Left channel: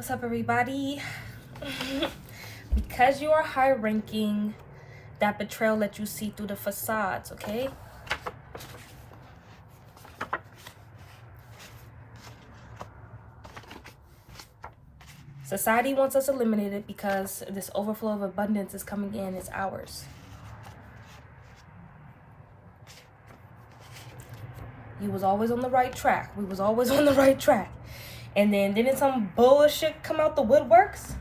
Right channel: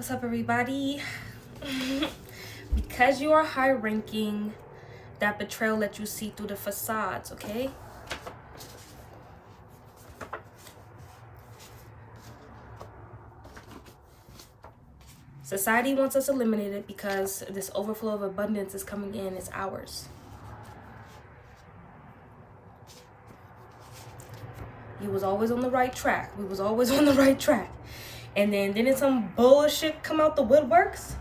What's up, everybody? Because you are high ranking, that betrayal let you see through the facades, okay? Society wants us eliminated because this overflow of abundance is coming in, it's ours. You was always on the right track. We was always on the right track. And then didn't some bullshit come out the woodworks?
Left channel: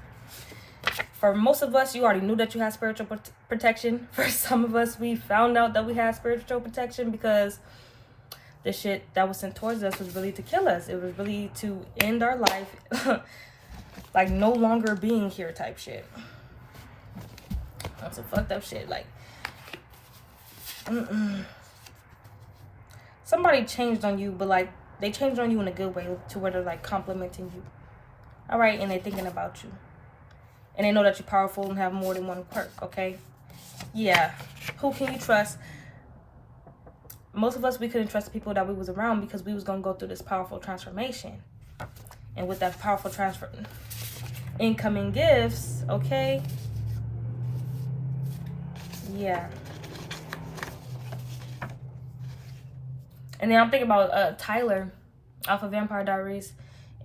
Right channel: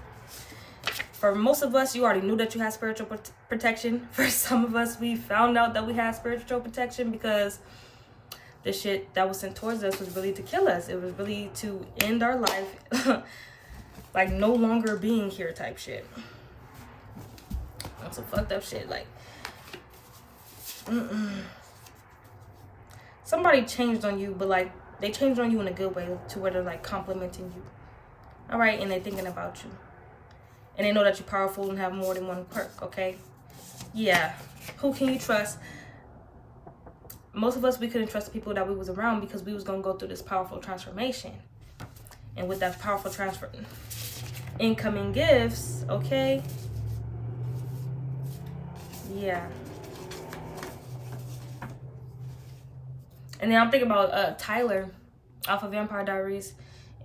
For most of us, you already knew that you had spiritual protection. For some of us, we found out that we had spiritual protection because the shit that was sent towards us was really to kill us. It was really to end our life, like no longer being here type shit. That's some fucked up shit. Like, somebody changed on you, but like they changed on you in a good way to where they're like complimenting you. All right, and they're thinking about you. And they know that you're powerful and have more than one quirk, okay? Yeah. Who can you trust? Most of us, we couldn't trust the people that we was around because we was going to go through this powerful transformation. And with that powerful incoming gifts, okay? Yeah. And then I'm thinking about Tyler off of Vampire Diaries.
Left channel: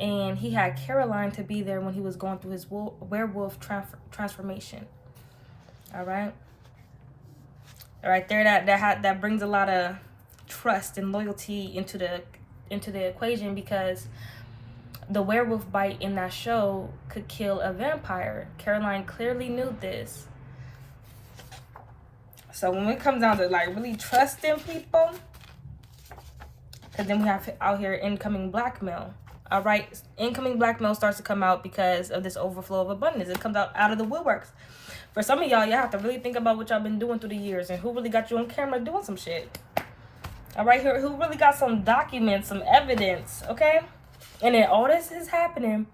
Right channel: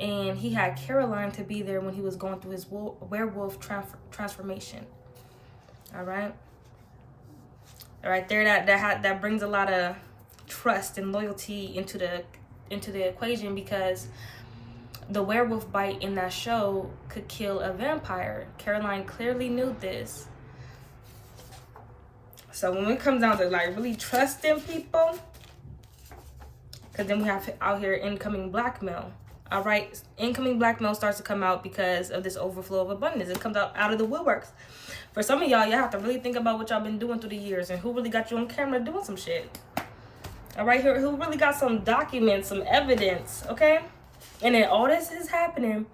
And he had Caroline to be there when he was going through his werewolf transformation. All right there, that brings a lot of trust and loyalty into the equation, because the werewolf bite in that show could kill a vampire. Caroline clearly knew this. So when it comes down to like really trusting people, because then we have out here incoming blackmail. All right, incoming blackmail starts to come out because of this overflow of abundance. It comes out of the woodworks. For some of y'all have to really think about what y'all been doing through the years and who really got you on camera doing some shit. All right, here, who really got some documents, some evidence, okay? And then all this is happening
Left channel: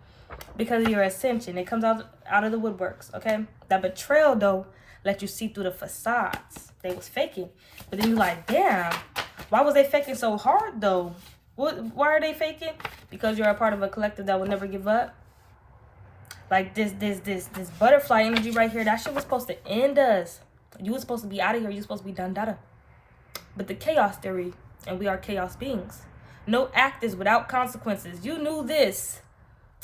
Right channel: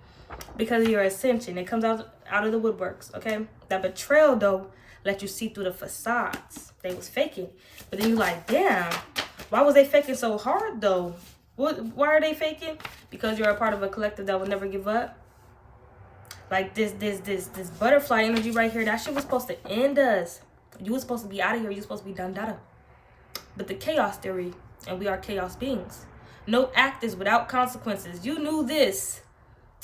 because of your ascension. It comes out of the woodworks, okay? That betrayal, though, let you see through the facades. They was faking. But then you like, damn, why was they faking so hard, though? Why are they faking? Because you're a part of a collective that will never give up. Like this butterfly energy right here, that shit was supposed to end us. You was supposed to be out of here. You was supposed to be done data. But the chaos theory, and we are chaos beings. No act is without consequences. You knew this.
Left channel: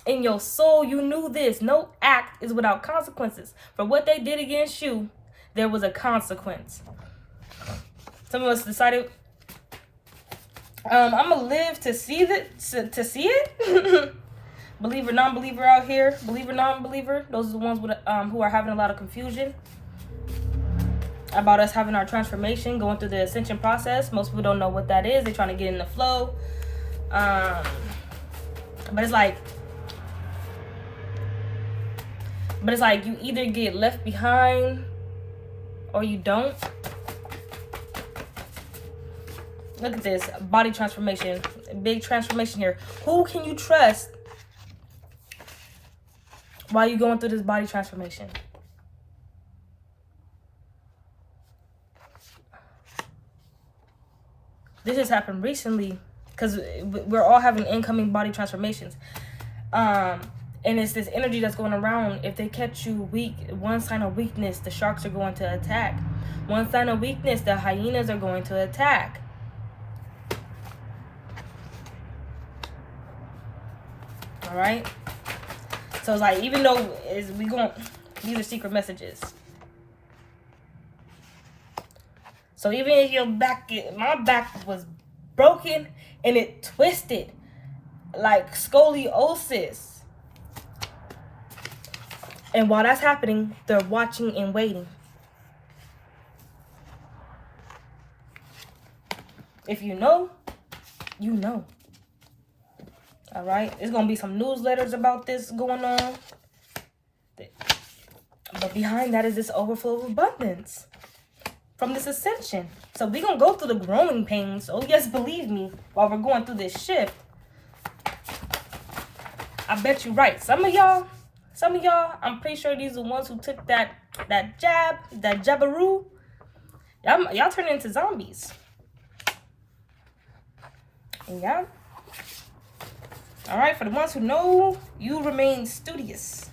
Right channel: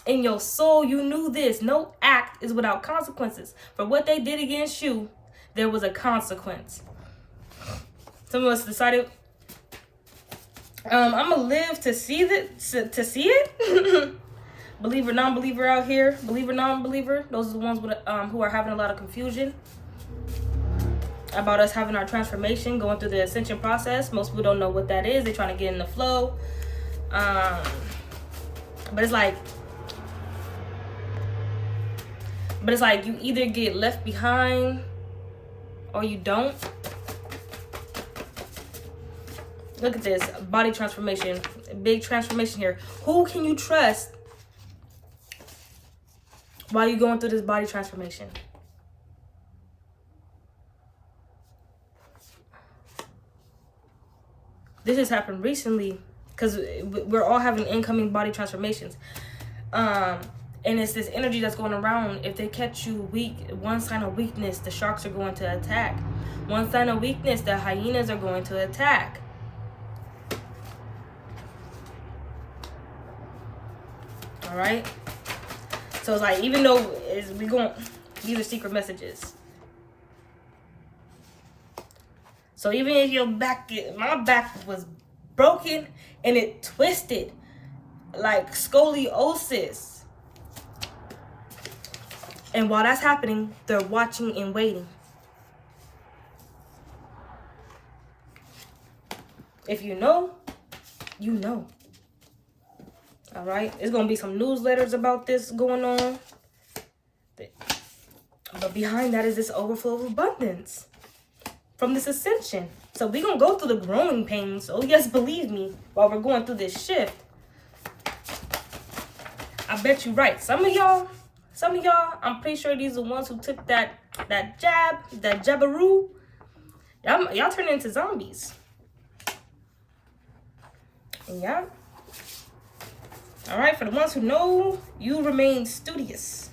In your soul, you knew this. No act is without consequences. For what they did against you, there was a consequence. Some of us decided, I'm gonna live to see it. Believer, non-believer out here. Believer, non-believer. Those are the ones with who are having a lot of confusion about us having our transformation, going through the ascension process. Most people don't know what that is. They're trying to get in the flow. But it's like you either get left behind or you don't. Look at this body transformation, big transformation here. Who can you trust while you're going through this body transformation? This has happened recently because we're all having incoming body transformations. And it's this energy that's going around. If they catch you weak, one sign of weakness, the sharks are going to attack. One sign of weakness, the hyenas are going to attack. All right. So it's like, even though these are secret messages. So even if my back was broken and it twisted like scoliosis. And while that's happening, they're watching and waiting. If you know, you know. All right, there's gonna be some newsletters about this going on, but behind that is this overflow of abundance from this ascension. So we're gonna go through the growing pains. Oh yes, believe me, while we're going through this shift. I bet you right. Some of y'all, I'm pretty sure these are the ones who took that jabberoo. Y'all turn into zombies. Yeah. All right, for the ones who know, you remain studious.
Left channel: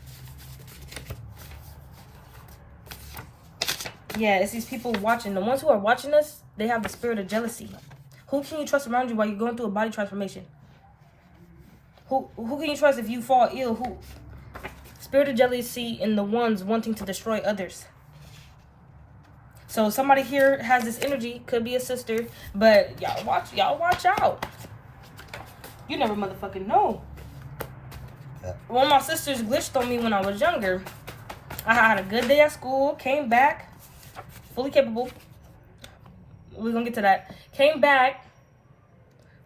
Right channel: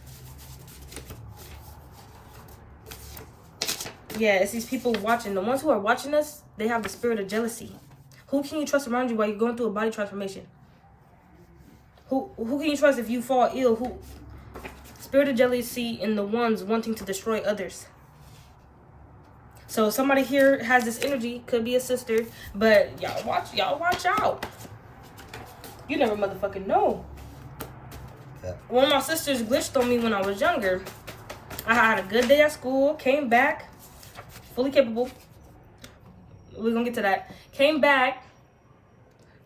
Yeah, it's these people watching. The ones who are watching us, they have the spirit of jealousy. Who can you trust around you while you're going through a body transformation? Who can you trust if you fall ill? Who? Spirit of jealousy in the ones wanting to destroy others. So somebody here has this energy, could be a sister, but y'all watch out. You never motherfucking know. Yeah. One of my sisters glitched on me when I was younger. I had a good day at school, came back, fully capable. We're gonna get to that. Came back.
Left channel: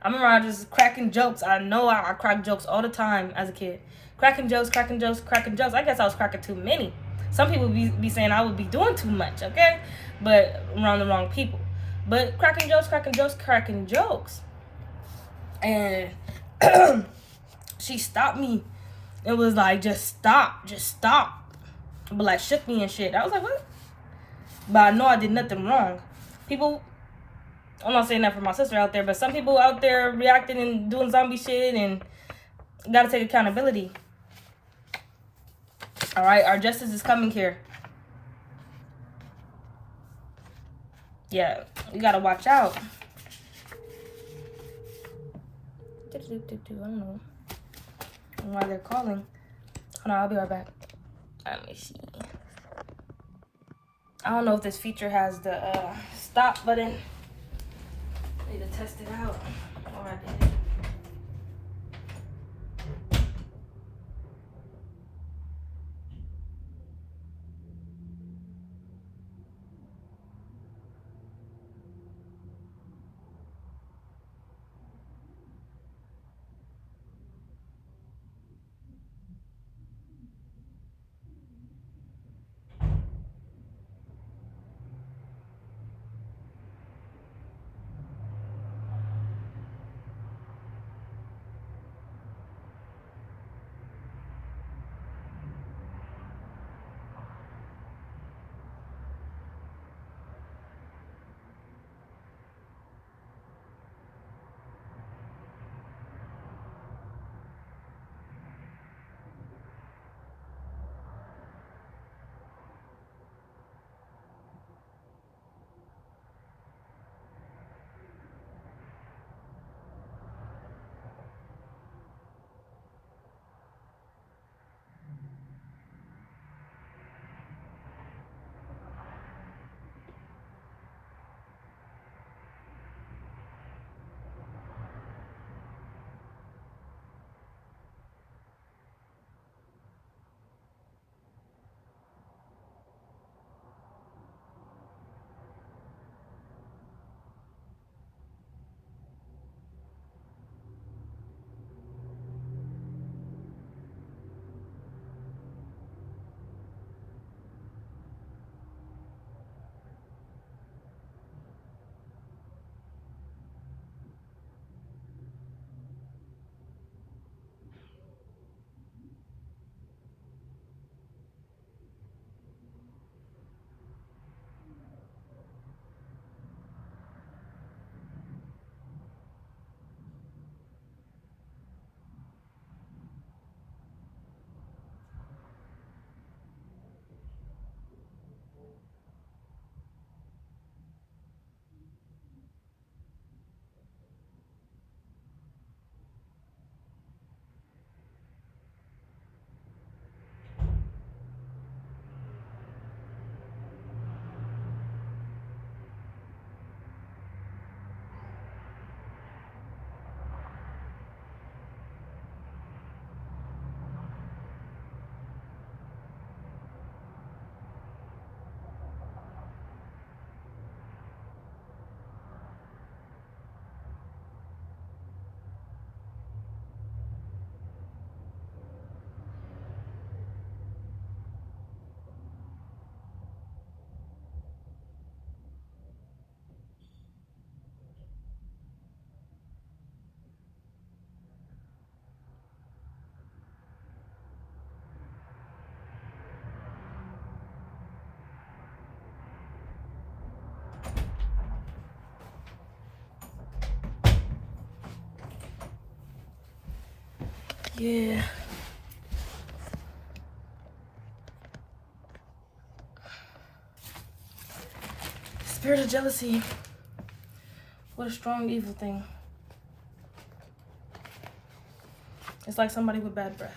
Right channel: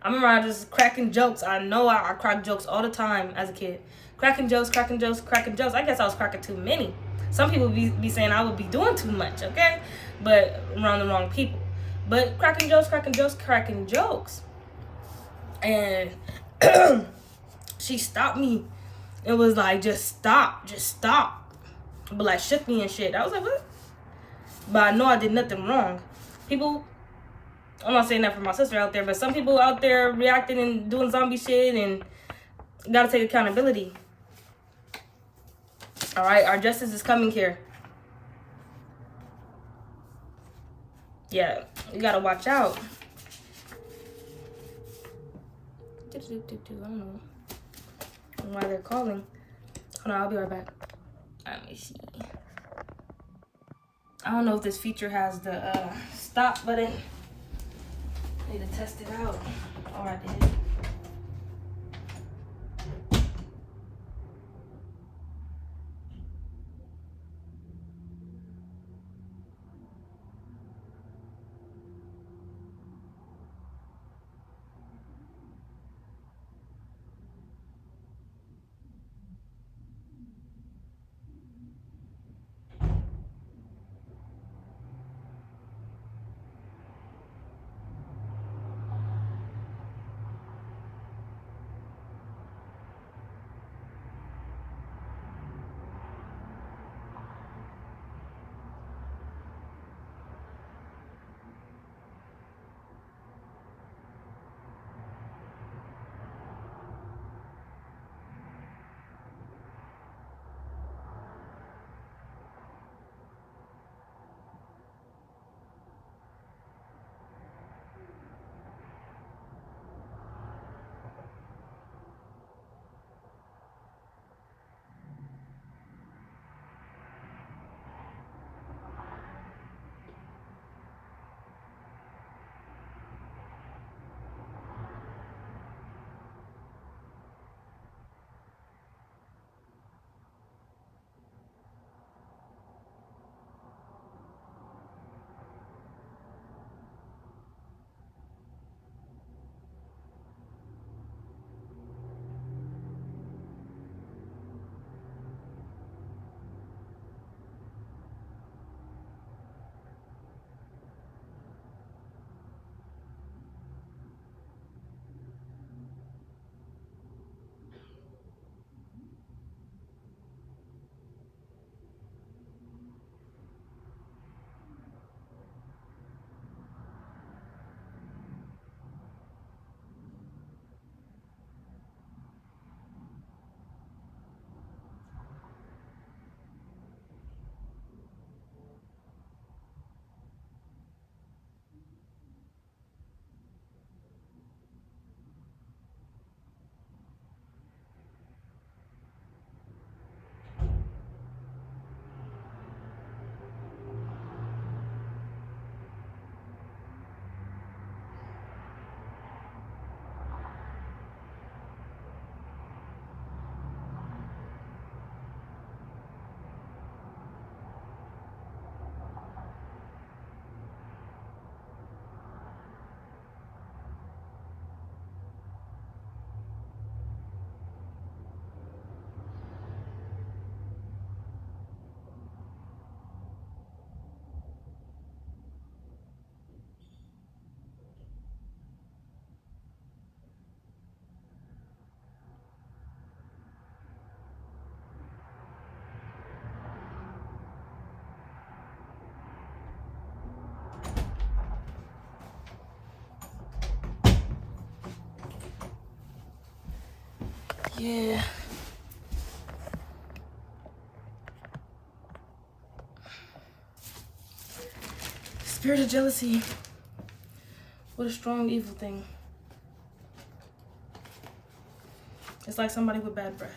I remember I was just cracking jokes. I know I cracked jokes all the time as a kid. Cracking jokes. I guess I was cracking too many. Some people be saying I would be doing too much, okay? But around the wrong people. But cracking jokes. And she stopped me. It was like, just stop. But like shook me and shit. I was like, what? But I know I did nothing wrong. People, I'm not saying that for my sister out there, but some people out there reacting and doing zombie shit, and gotta take accountability. All right, our justice is coming here. Yeah, you gotta watch out. I don't know why they're calling. Hold on, I'll be right back. Let me see. I don't know if this feature has the stop button. I need to test it out. Oh, I did. Yeah. Spirit of jealousy. What a strong evil thing. It's like somebody with bad breath.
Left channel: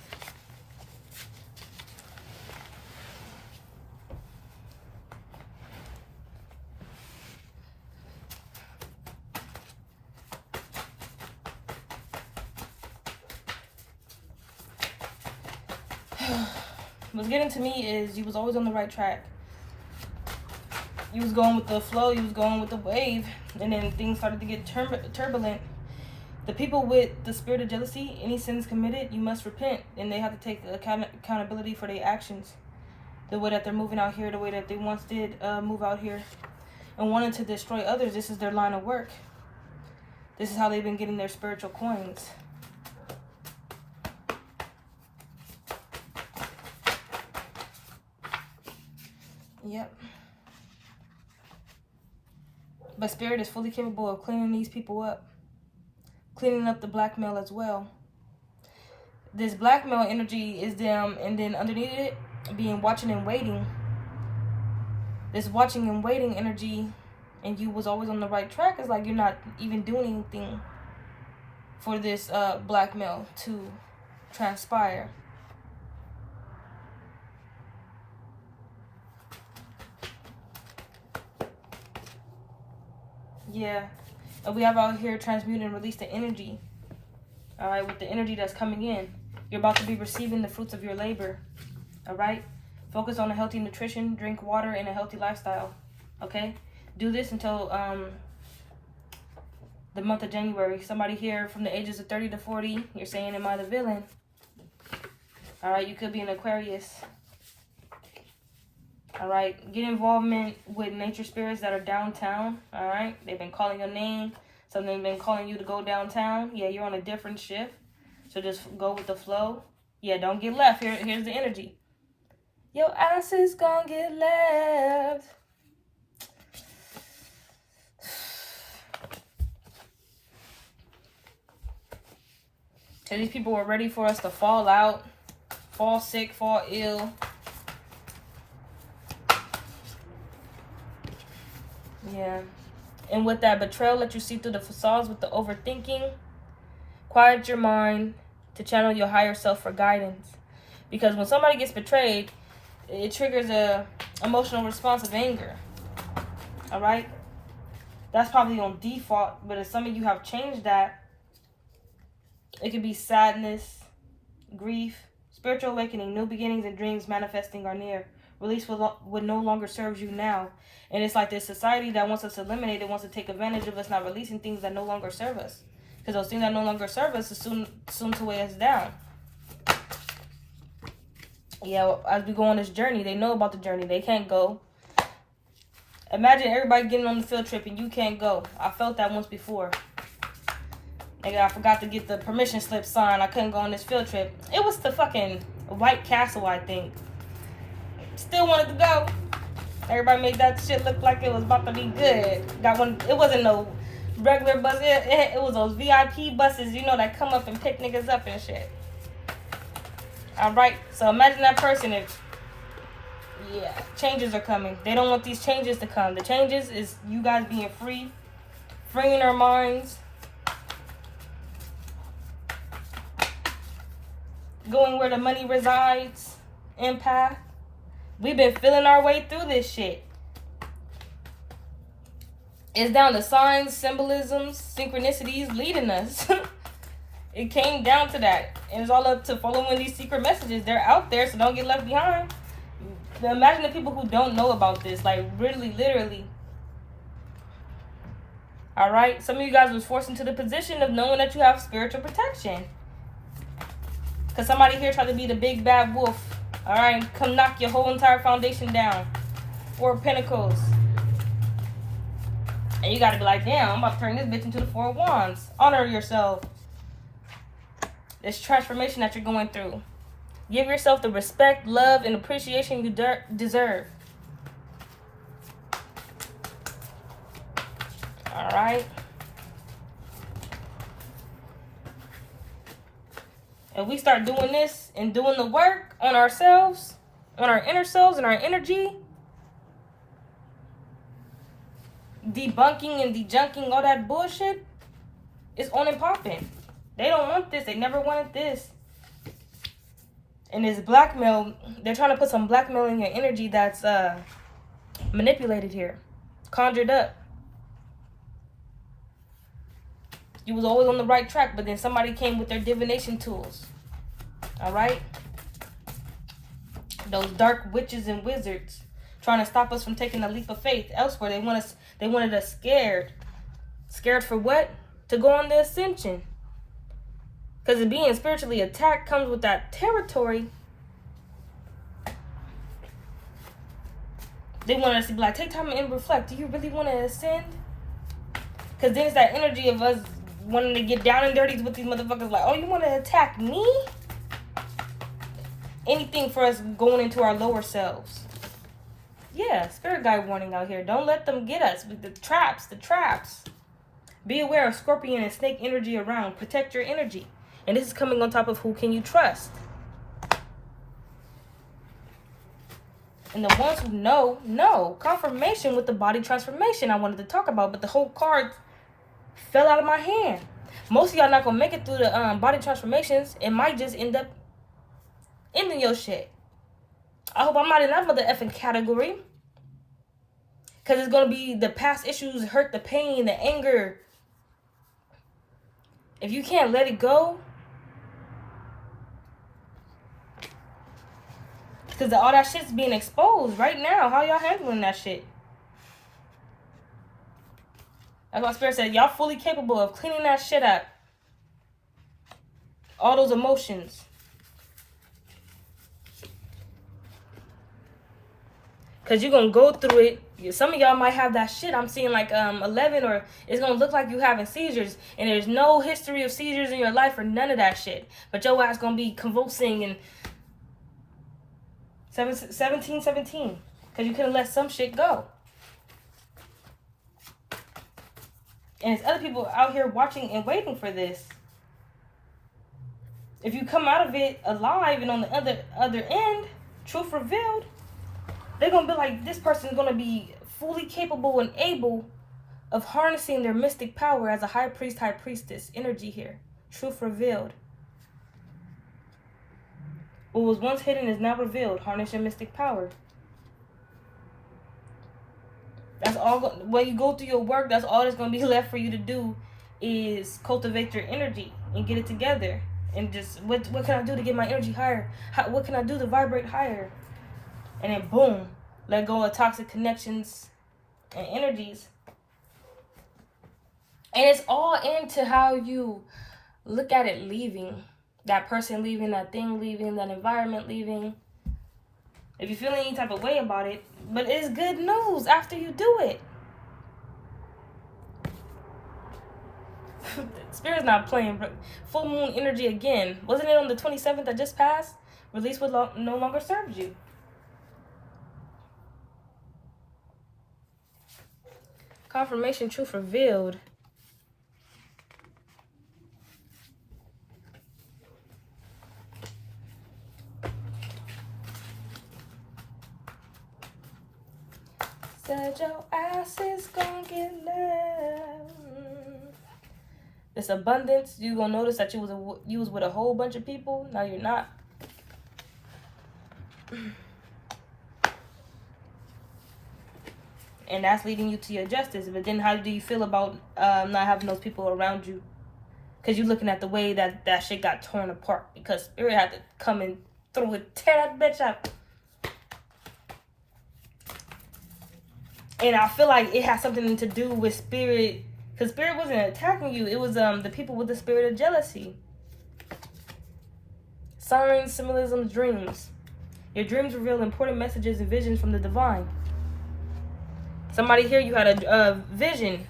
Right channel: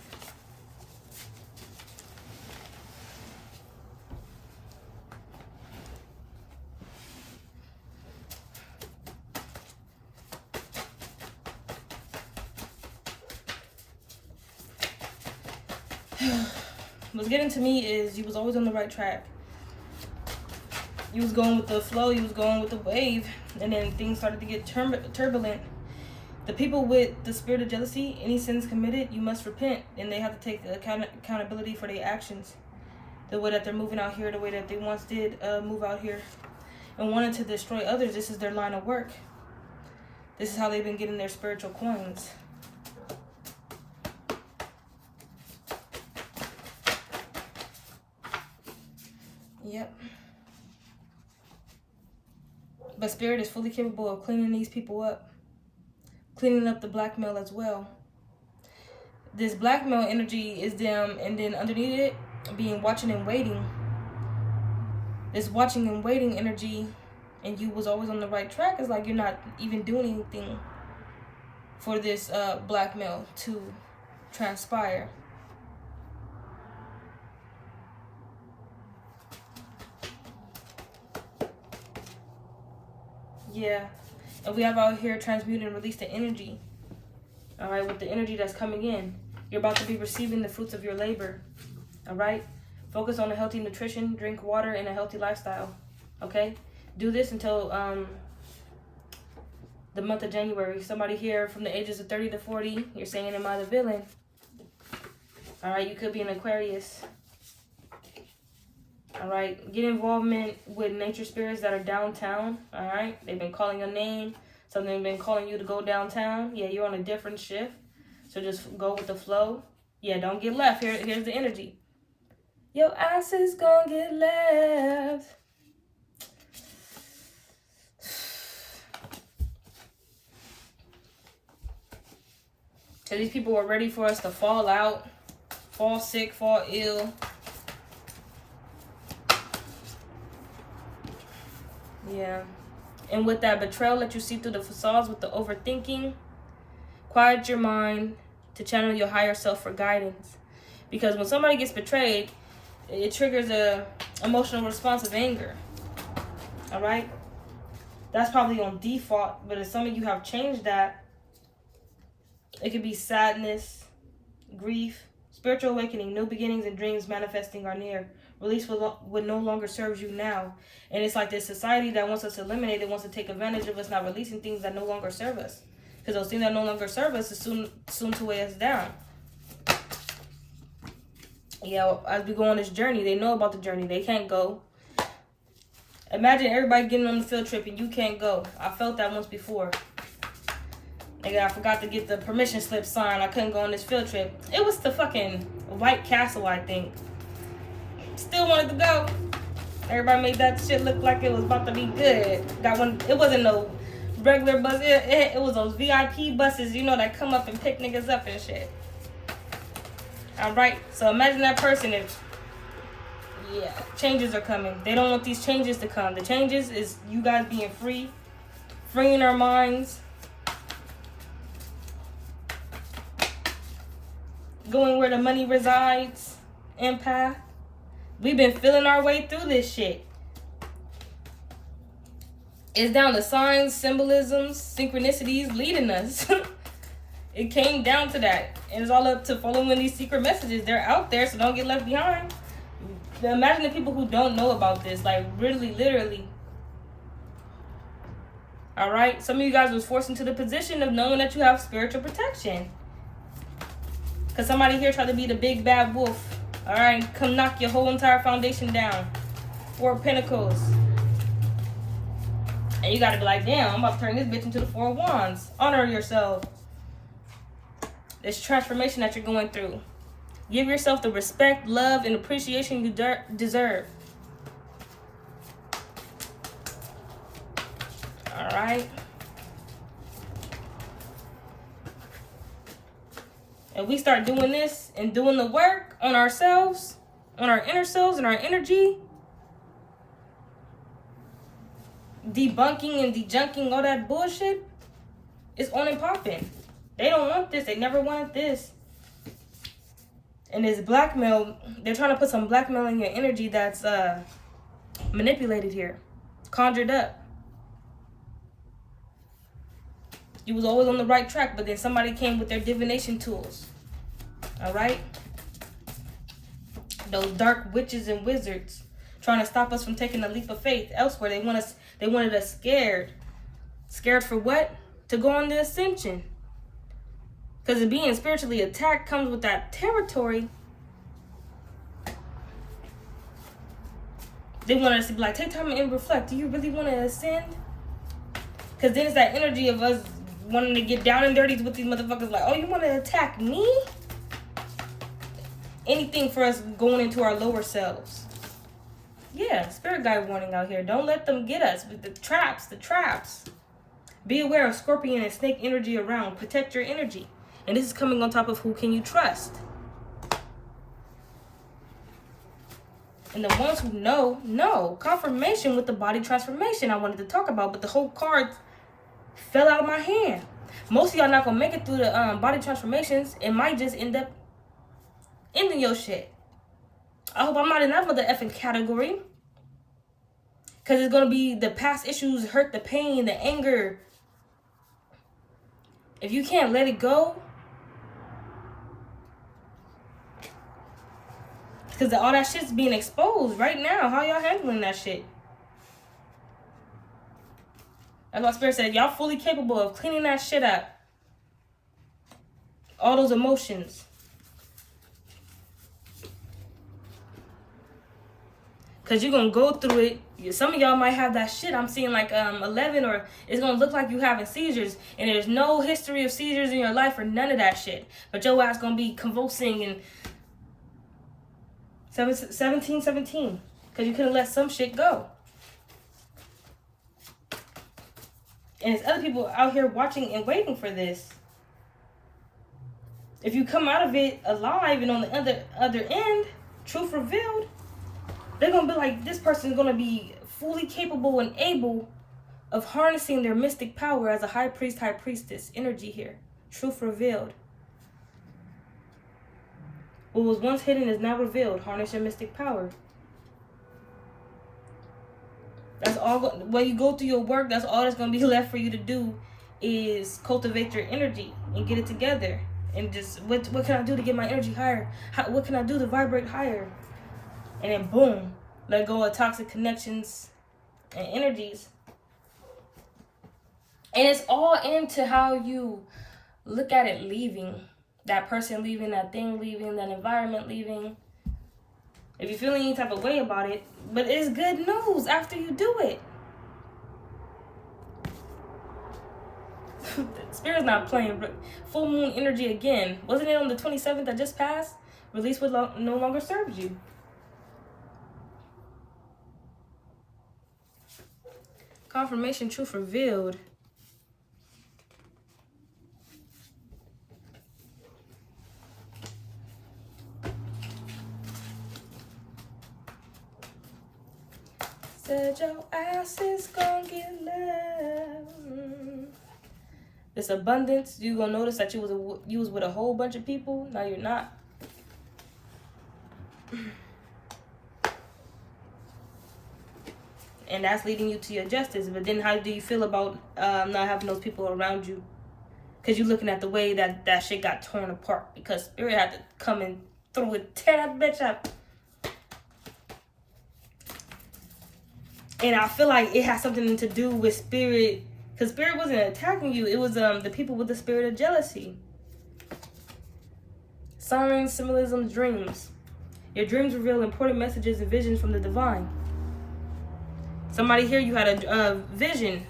What's getting to me is you was always on the right track. You was going with the flow, you was going with the wave, and then things started to get turbulent. The people with the spirit of jealousy, any sins committed, you must repent, and they have to take accountability for their actions. The way that they're moving out here, the way that they once did move out here, and wanted to destroy others. This is their line of work. This is how they've been getting their spiritual coins. Yep. But Spirit is fully capable of cleaning these people up. Cleaning up the blackmail as well. This blackmail energy is them, and then underneath it, being watching and waiting. This watching and waiting energy, and you was always on the right track. It's like you're not even doing anything for this blackmail to transpire. Yeah, and we have out here transmute and release the energy. All right, with the energy that's coming in, you're about to be receiving the fruits of your labor. All right, focus on a healthy nutrition, drink water, and a healthy lifestyle. Okay, do this until the month of January. Somebody here from the ages of 30 to 40, you're saying, am I the villain? All right, you could be an Aquarius. All right, get involvement with nature spirits that are downtown. All right, they've been calling your name. Something's been calling you to go downtown. Yeah, you're on a different shift, so just go with the flow. Yeah, don't get left. Here's the energy. Your ass is gonna get left. So these people were ready for us to fall out, fall sick, fall ill. Yeah. And with that betrayal that you see through the facades with the overthinking, quiet your mind to channel your higher self for guidance. Because when somebody gets betrayed, it triggers a emotional response of anger. All right? That's probably on default, but if some of you have changed that, it could be sadness, grief, spiritual awakening, new beginnings, and dreams manifesting are near. Release what no longer serves you now. And it's like this society that wants us to eliminate, it wants to take advantage of us not releasing things that no longer serve us. Because those things that no longer serve us is soon to weigh us down. Yeah, well, as we go on this journey, they know about the journey. They can't go. Imagine everybody getting on the field trip and you can't go. I felt that once before. I forgot to get the permission slip signed. I couldn't go on this field trip. It was the fucking White Castle, I think. Still wanted to go. Everybody made that shit look like it was about to be good. Got one. It wasn't no regular bus. It was those VIP buses, you know, that come up and pick niggas up and shit. All right. So imagine that person if, yeah, changes are coming. They don't want these changes to come. The changes is you guys being free, freeing our minds, going where the money resides, empath. We've been feeling our way through this shit. It's down to signs, symbolisms, synchronicities leading us. It came down to that. And it's all up to following these secret messages. They're out there, so don't get left behind. Imagine the people who don't know about this, like really, literally. All right? Some of you guys was forced into the position of knowing that you have spiritual protection. Because somebody here tried to be the big bad wolf. All right, come knock your whole entire foundation down. 4 of Pentacles. And you got to be like, damn, I'm about to turn this bitch into the 4 of Wands. Honor yourself. This transformation that you're going through. Give yourself the respect, love, and appreciation you deserve. All right. If we start doing this and doing the work on ourselves, on our inner selves and our energy, debunking and dejunking all that bullshit, it's on and popping. They don't want this. They never wanted this. And this blackmail, they're trying to put some blackmail in your energy that's manipulated here, conjured up. You was always on the right track, but then somebody came with their divination tools. All right? Those dark witches and wizards trying to stop us from taking a leap of faith elsewhere. They wanted us scared. Scared for what? To go on the ascension. Because being spiritually attacked comes with that territory. They want us to be like, take time and reflect. Do you really want to ascend? Because then it's that energy of us wanting to get down and dirty with these motherfuckers. Like, oh, you want to attack me? Anything for us going into our lower selves. Yeah, spirit guide warning out here. Don't let them get us with the traps. Be aware of scorpion and snake energy around. Protect your energy. And this is coming on top of who can you trust. And the ones who know. Confirmation with the body transformation I wanted to talk about, but the whole card fell out of my hand. Most of y'all not gonna make it through the body transformations. It might just end up ending your shit. I hope I'm not in that mother effing category. Because it's gonna be the past issues, hurt, the pain, the anger. If you can't let it go, because all that shit's being exposed right now. How y'all handling that shit? That's why Spirit said, y'all fully capable of cleaning that shit up. All those emotions. Because you're going to go through it. Some of y'all might have that shit. I'm seeing like 11, or it's going to look like you having seizures. And there's no history of seizures in your life or none of that shit. But your ass going to be convulsing and 17. Because you couldn't let some shit go. And there's other people out here watching and waiting for this. If you come out of it alive and on the other end, truth revealed, they're going to be like, this person's going to be fully capable and able of harnessing their mystic power as a high priest, high priestess energy here. Truth revealed. What was once hidden is now revealed. Harness your mystic power. That's all. When you go through your work, that's all that's going to be left for you to do is cultivate your energy and get it together. And just, what can I do to get my energy higher? What can I do to vibrate higher? And then boom, let go of toxic connections and energies. And it's all into how you look at it leaving. That person leaving, that thing leaving, that environment leaving. If you feel any type of way about it, but it's good news after you do it. Spirit's not playing. Full moon energy again. Wasn't it on the 27th that just passed? Release what no longer serves you. Confirmation, truth revealed. Said your ass is gonna get left. This abundance, you gonna notice that you was with a whole bunch of people. Now you're not. And that's leading you to your justice. But then how do you feel about not having those people around you? Because you're looking at the way that shit got torn apart. Because Spirit had to come and tear that bitch up. And I feel like it has something to do with Spirit. Because Spirit wasn't attacking you. It was the people with the spirit of jealousy. Signs, symbolisms, dreams. Your dreams reveal important messages and visions from the divine. Somebody here, you had a vision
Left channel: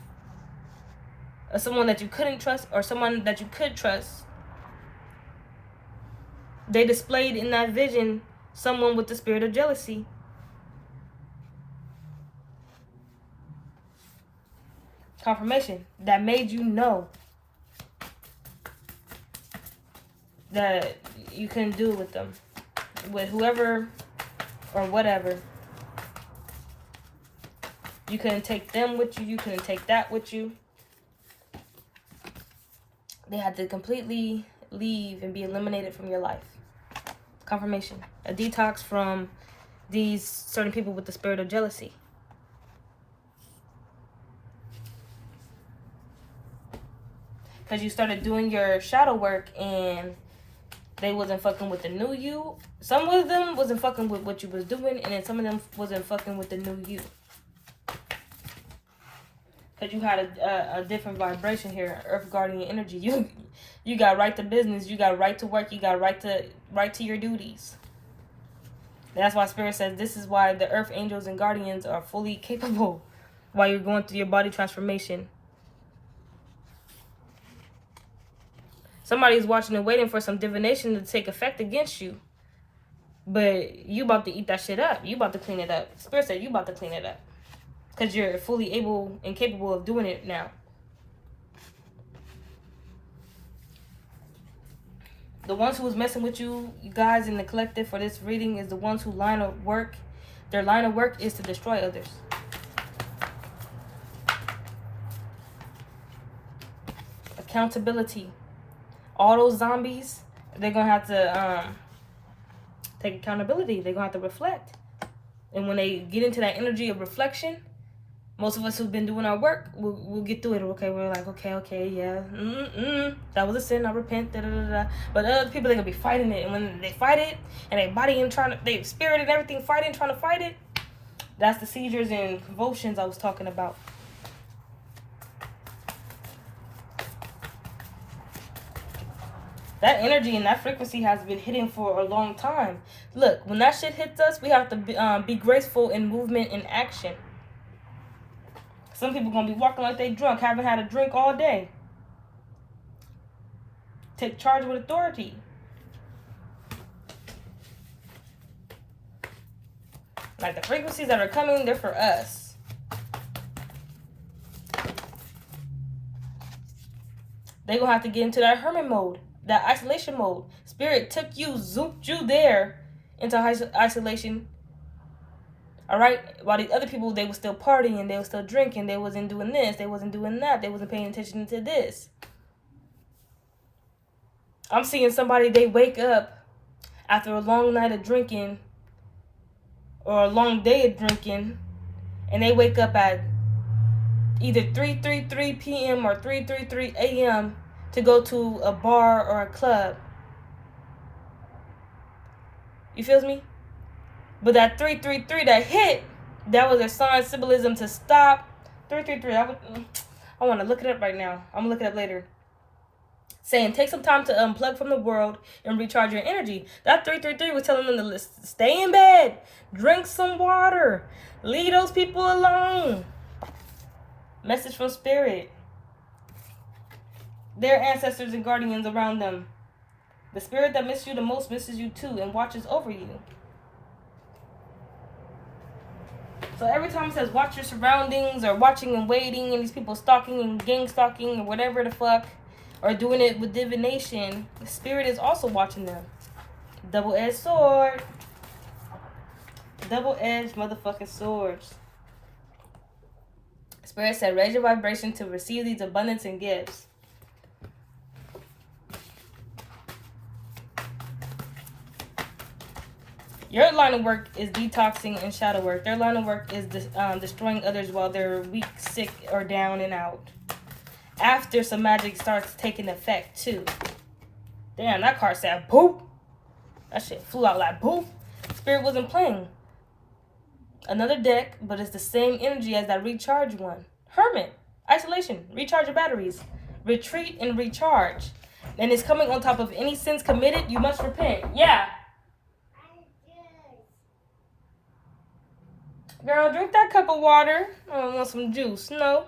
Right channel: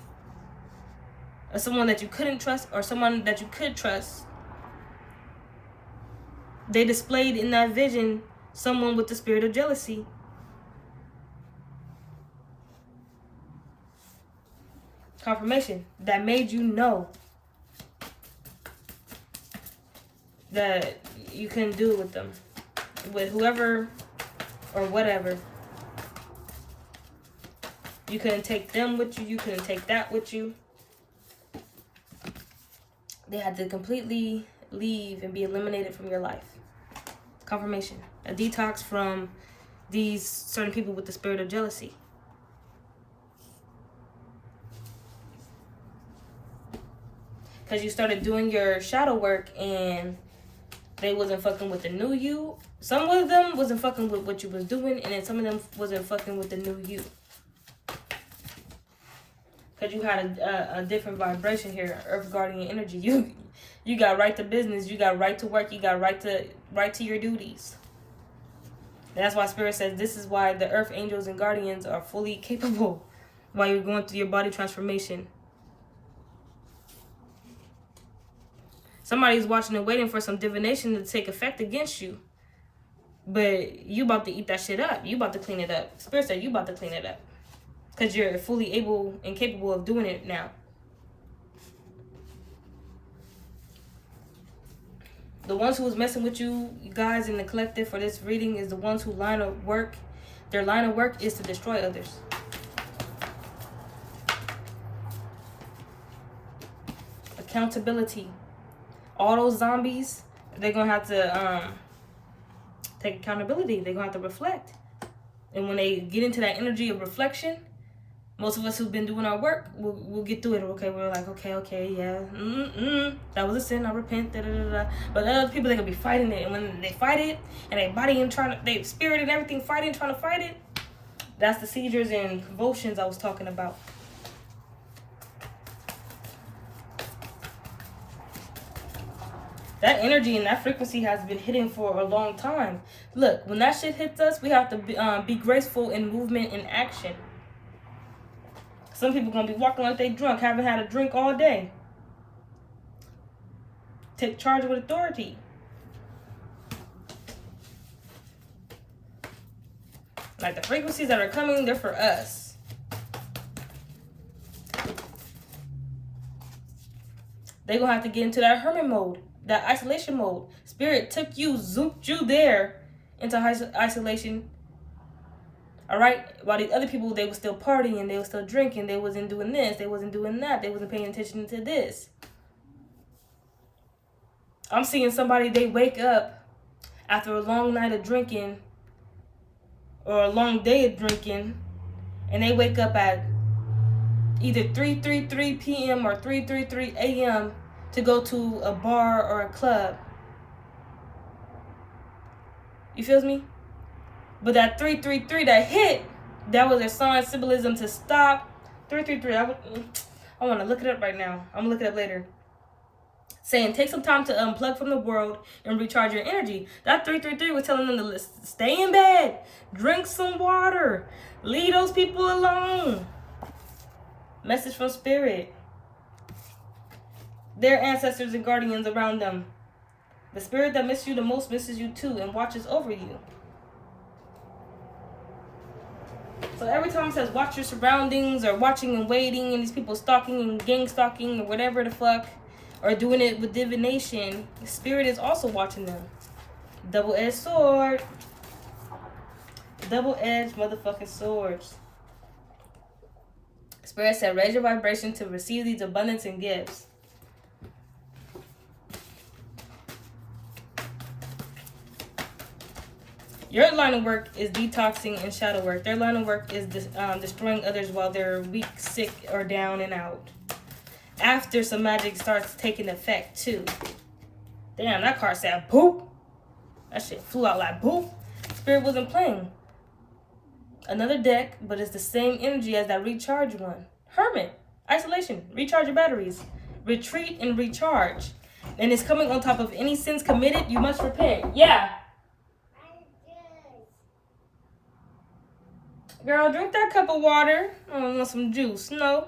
of someone that you couldn't trust or someone that you could trust. They displayed in that vision someone with the spirit of jealousy. Confirmation that made you know. that you couldn't do with them, with whoever or whatever. You couldn't take them with you. You couldn't take that with you. They had to completely leave and be eliminated from your life. Confirmation. A detox from these certain people with the spirit of jealousy. Because you started doing your shadow work and they wasn't fucking with the new you. Some of them wasn't fucking with what you was doing, and then some of them wasn't fucking with the new you. Because you had a different vibration here, Earth Guardian energy. You got right to business, you got right to work, you got right to your duties. That's why Spirit says this is why the Earth Angels and Guardians are fully capable while you're going through your body transformation. Somebody's watching and waiting for some divination to take effect against you. But you about to eat that shit up. You about to clean it up. Spirit said you about to clean it up. Because you're fully able and capable of doing it now. The ones who was messing with you guys in the collective for this reading is the ones who line of work. Their line of work is to destroy others. Accountability. All those zombies, they're going to have to take accountability. They're going to have to reflect. And when they get into that energy of reflection, most of us who've been doing our work, we'll get through it. Okay, we're like, okay, yeah. That was a sin, I repent, da-da-da-da. But other people, they're going to be fighting it. And when they fight it, and they body and they spirit and everything fighting, trying to fight it, that's the seizures and convulsions I was talking about. That energy and that frequency has been hitting for a long time. Look, when that shit hits us, we have to be graceful in movement and action. Some people going to be walking like they drunk, haven't had a drink all day. Take charge with authority. Like the frequencies that are coming, they're for us. They're going to have to get into that hermit mode. That isolation mode. Spirit took you, zooped you there into isolation. All right? While these other people, they were still partying, they were still drinking, they wasn't doing this, they wasn't doing that, they wasn't paying attention to this. I'm seeing somebody, they wake up after a long night of drinking or a long day of drinking, and they wake up at either 3:33 p.m. or 3:33 a.m. to go to a bar or a club. You feel me? But that 3:33 that hit, that was a sign, symbolism to stop. 3:33, I want to look it up right now. I'm going to look it up later. Saying, take some time to unplug from the world and recharge your energy. That 3:33 was telling them to stay in bed, drink some water, leave those people alone. Message from Spirit. Their ancestors and guardians around them. The spirit that misses you the most misses you too and watches over you. So every time it says watch your surroundings or watching and waiting and these people stalking and gang stalking or whatever the fuck, or doing it with divination, the spirit is also watching them. Double-edged sword. Double-edged motherfucking swords. Spirit said raise your vibration to receive these abundance and gifts. Your line of work is detoxing and shadow work. Their line of work is destroying others while they're weak, sick, or down and out. After some magic starts taking effect, too. Damn, that card said boop. That shit flew out like boop. Spirit wasn't playing. Another deck, but it's the same energy as that recharge one. Hermit. Isolation. Recharge your batteries. Retreat and recharge. And it's coming on top of any sins committed, you must repent. Yeah. Girl, drink that cup of water. I don't want some juice. No.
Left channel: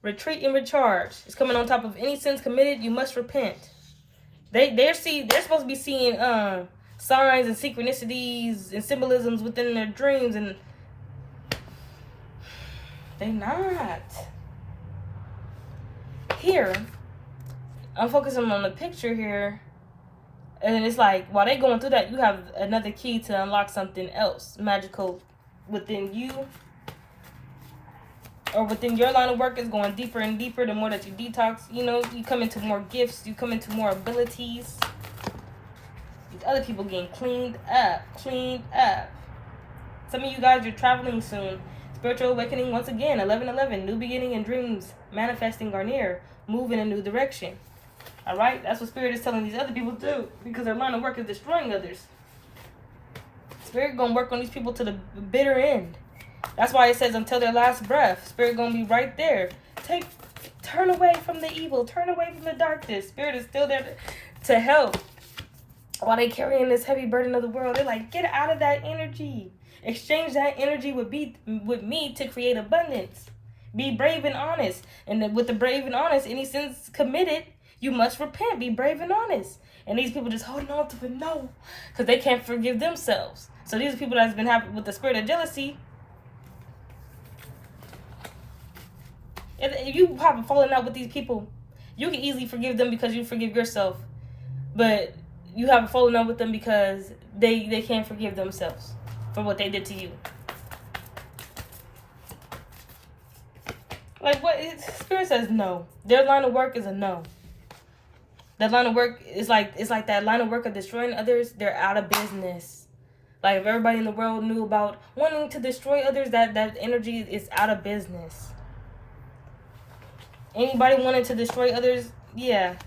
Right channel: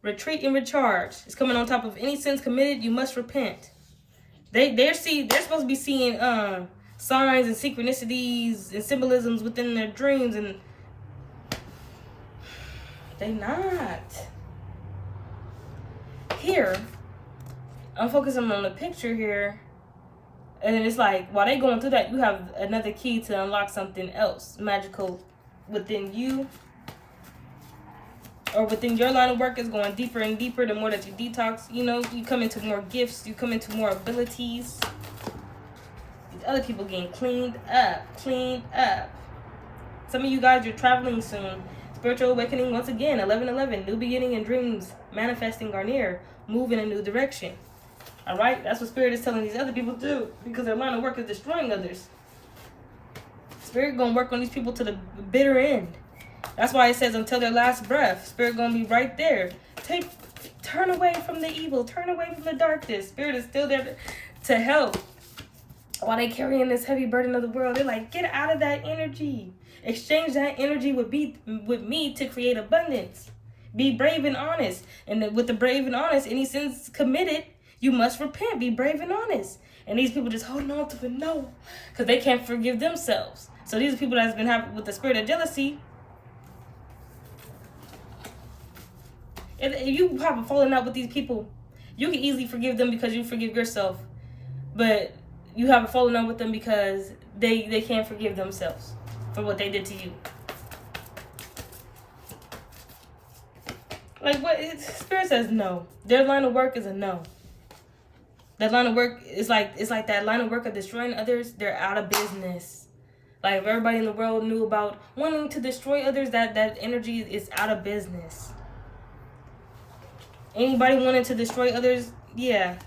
Retreat and recharge. It's coming on top of any sins committed. You must repent. They're supposed to be seeing signs and synchronicities and symbolisms within their dreams, and they not. Here, I'm focusing on the picture here. And then it's like, while they going through that, you have another key to unlock something else magical within you, or within your line of work. Is going deeper and deeper the more that you detox. You know, you come into more gifts, you come into more abilities. These other people getting cleaned up. Some of you guys are traveling soon. Spiritual awakening once again. 11:11, new beginning and dreams manifesting are near. Move in a new direction. All right, that's what Spirit is telling these other people to do, because their line of work is destroying others. Spirit gonna work on these people to the bitter end. That's why it says until their last breath. Spirit gonna be right there. Turn away from the evil. Turn away from the darkness. Spirit is still there to help. While they carrying this heavy burden of the world, they're like, get out of that energy. Exchange that energy with me to create abundance. Be brave and honest. And with the brave and honest, any sins committed, you must repent. Be brave and honest. And these people just holding on to it, no, because they can't forgive themselves. So these are people that's been having with the spirit of jealousy. If you have a falling out with these people, you can easily forgive them because you forgive yourself. But you have a falling out with them because they can't forgive themselves for what they did to you. Like, what? Spirit says no. Their line of work is a no. That line of work is it's like that line of work of destroying others. They're out of business. Like, if everybody in the world knew about wanting to destroy others, that energy is out of business. Anybody wanting to destroy others, yeah,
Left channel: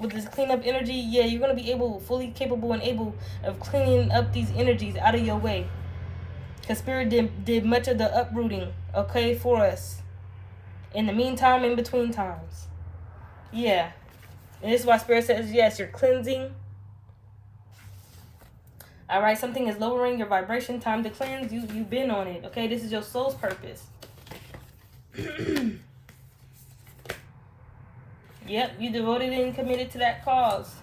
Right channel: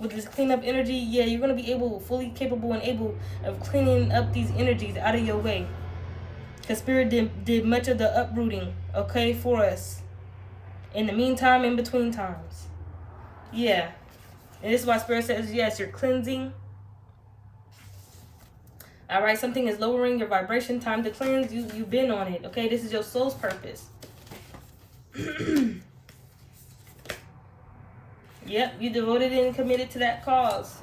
with this cleanup energy, yeah, you're going to be fully capable and able of cleaning up these energies out of your way. Because Spirit did much of the uprooting, okay, for us. In the meantime, in between times. Yeah. And this is why Spirit says, yes, you're cleansing. All right, something is lowering your vibration. Time to cleanse. You've been on it, okay? This is your soul's purpose. Yep, you devoted and committed to that cause.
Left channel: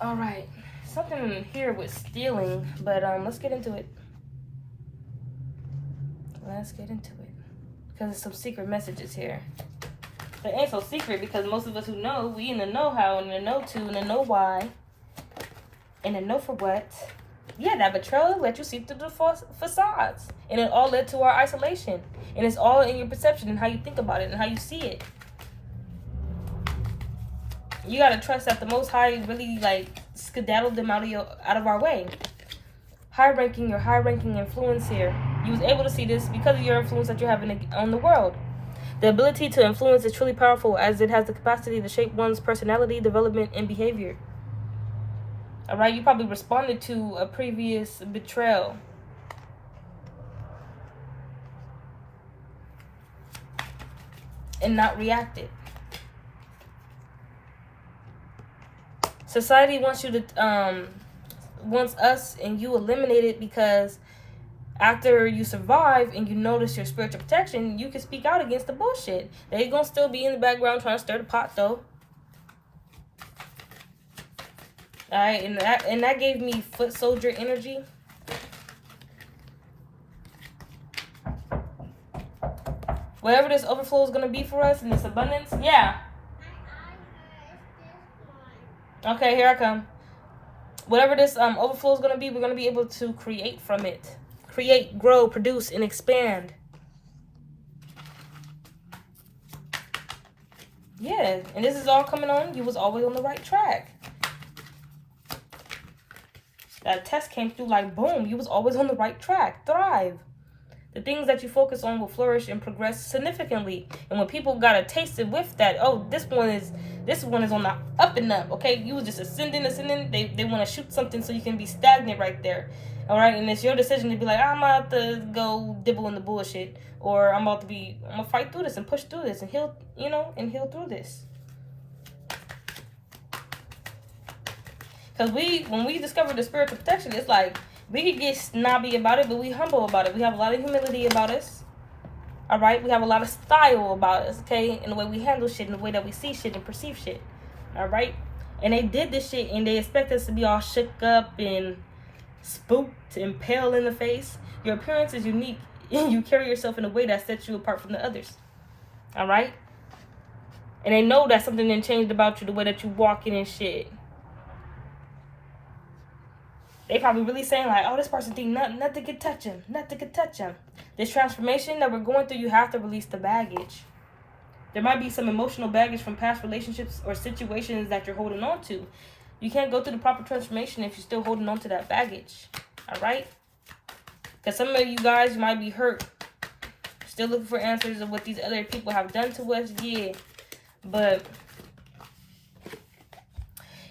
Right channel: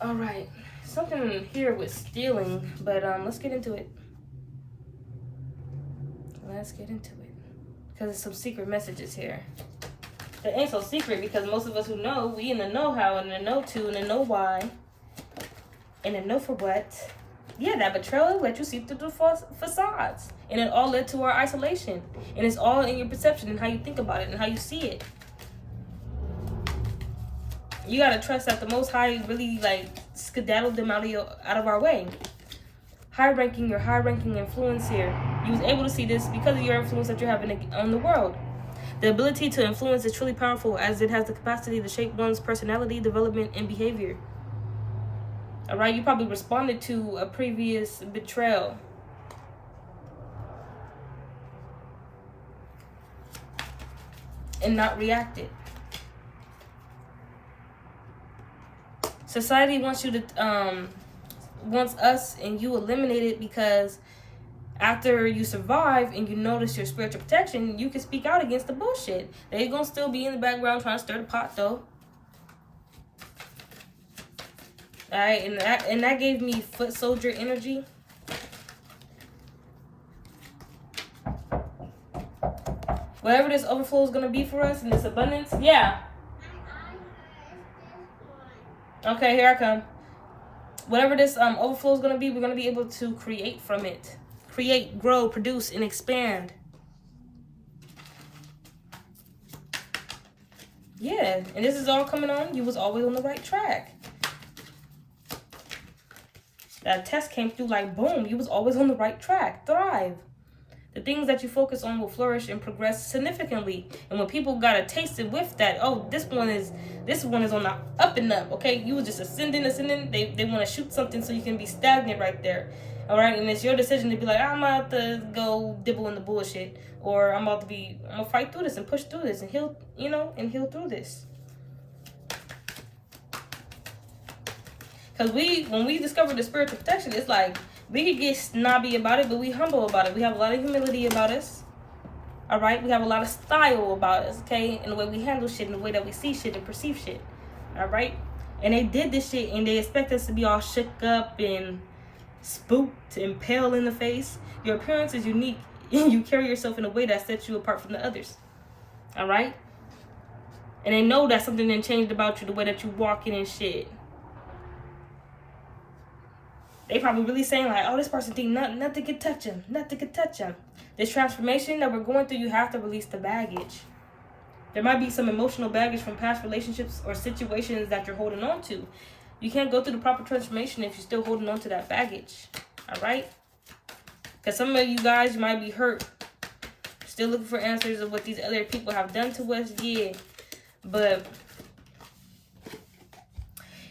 All right, something here with stealing, but let's get into it. Let's get into it, because there's some secret messages here. It ain't so secret because most of us who know, we in the know how, and in the know to, and the know why, and the know for what. Yeah, that betrayal let you see through the facades, and it all led to our isolation, and it's all in your perception and how you think about it and how you see it. You gotta trust that the Most High really skedaddled them out of our way. Your high-ranking influence here. You was able to see this because of your influence that you're having on the world. The ability to influence is truly powerful, as it has the capacity to shape one's personality, development, and behavior. All right, you probably responded to a previous betrayal. And not reacted. Society wants you to, wants us and you eliminated, because after you survive and you notice your spiritual protection, you can speak out against the bullshit. They're gonna still be in the background trying to stir the pot, though. All right, and that gave me foot soldier energy. Whatever this overflow is gonna be for us and this abundance, yeah. Okay, here I come. Whatever this overflow is going to be, we're going to be able to create from it. Create, grow, produce, and expand. Yeah, and this is all coming on. You was always on the right track. That test came through like boom. You was always on the right track. Thrive. The things that you focus on will flourish and progress significantly. And when people got a taste and whiff that, oh, this one is on the up and up, okay? You was just ascending. They want to shoot something so you can be stagnant right there, all right? And it's your decision to be like, I'm about to go dibble in the bullshit, or I'm gonna fight through this and push through this and heal, heal through this. Because when we discover the spiritual protection, it's like we could get snobby about it, but we humble about it. We have a lot of humility about us. All right, we have a lot of style about us, okay, in the way we handle shit, in the way that we see shit and perceive shit, all right? And they did this shit, and they expect us to be all shook up and spooked and pale in the face. Your appearance is unique you carry yourself in a way that sets you apart from the others. All right? And they know that something done changed about you, the way that you walking and shit. They probably really saying like, oh, this person think nothing can touch him. Nothing can touch him. This transformation that we're going through, you have to release the baggage. There might be some emotional baggage from past relationships or situations that you're holding on to. You can't go through the proper transformation if you're still holding on to that baggage. All right? Because some of you guys might be hurt. Still looking for answers of what these other people have done to us. Yeah. But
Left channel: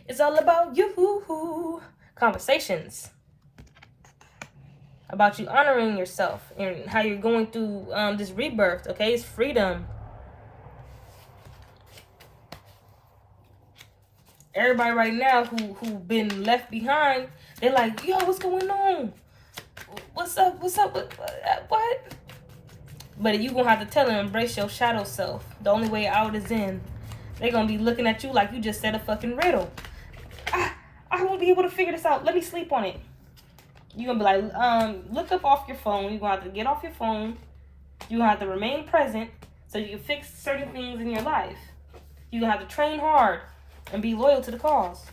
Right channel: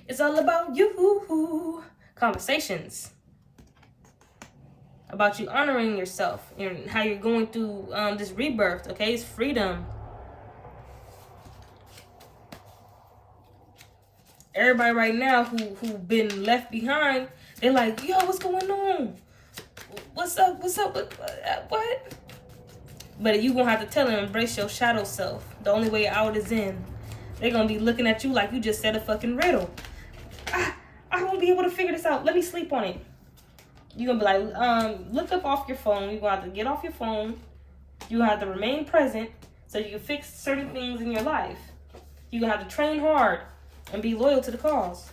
it's all about you. Conversations about you honoring yourself and how you're going through this rebirth. Okay, it's freedom. Everybody right now who been left behind, they're like, yo, what's going on? What's up? What? But you gonna have to tell them, embrace your shadow self. The only way out is in. They're gonna be looking at you like you just said a fucking riddle. I won't be able to figure this out. Let me sleep on it. You're gonna be like, look up off your phone. You're gonna have to get off your phone. You're gonna have to remain present so you can fix certain things in your life. You're gonna have to train hard and be loyal to the cause.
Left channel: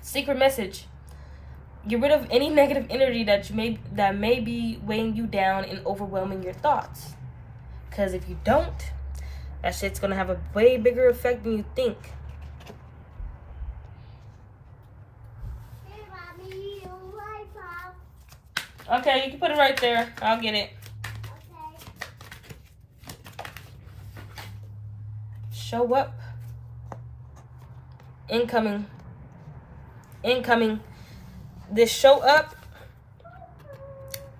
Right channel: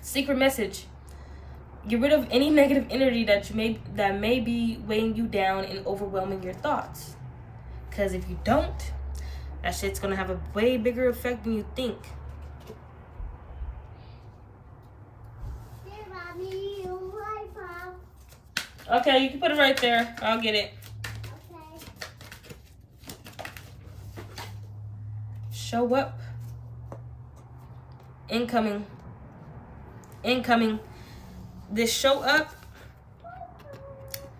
Secret message. Get rid of any negative energy that may be weighing you down and overwhelming your thoughts. Because if you don't, that shit's gonna have a way bigger effect than you think. Okay, you can put it right there. I'll get it. Okay. Show up. Incoming. This show up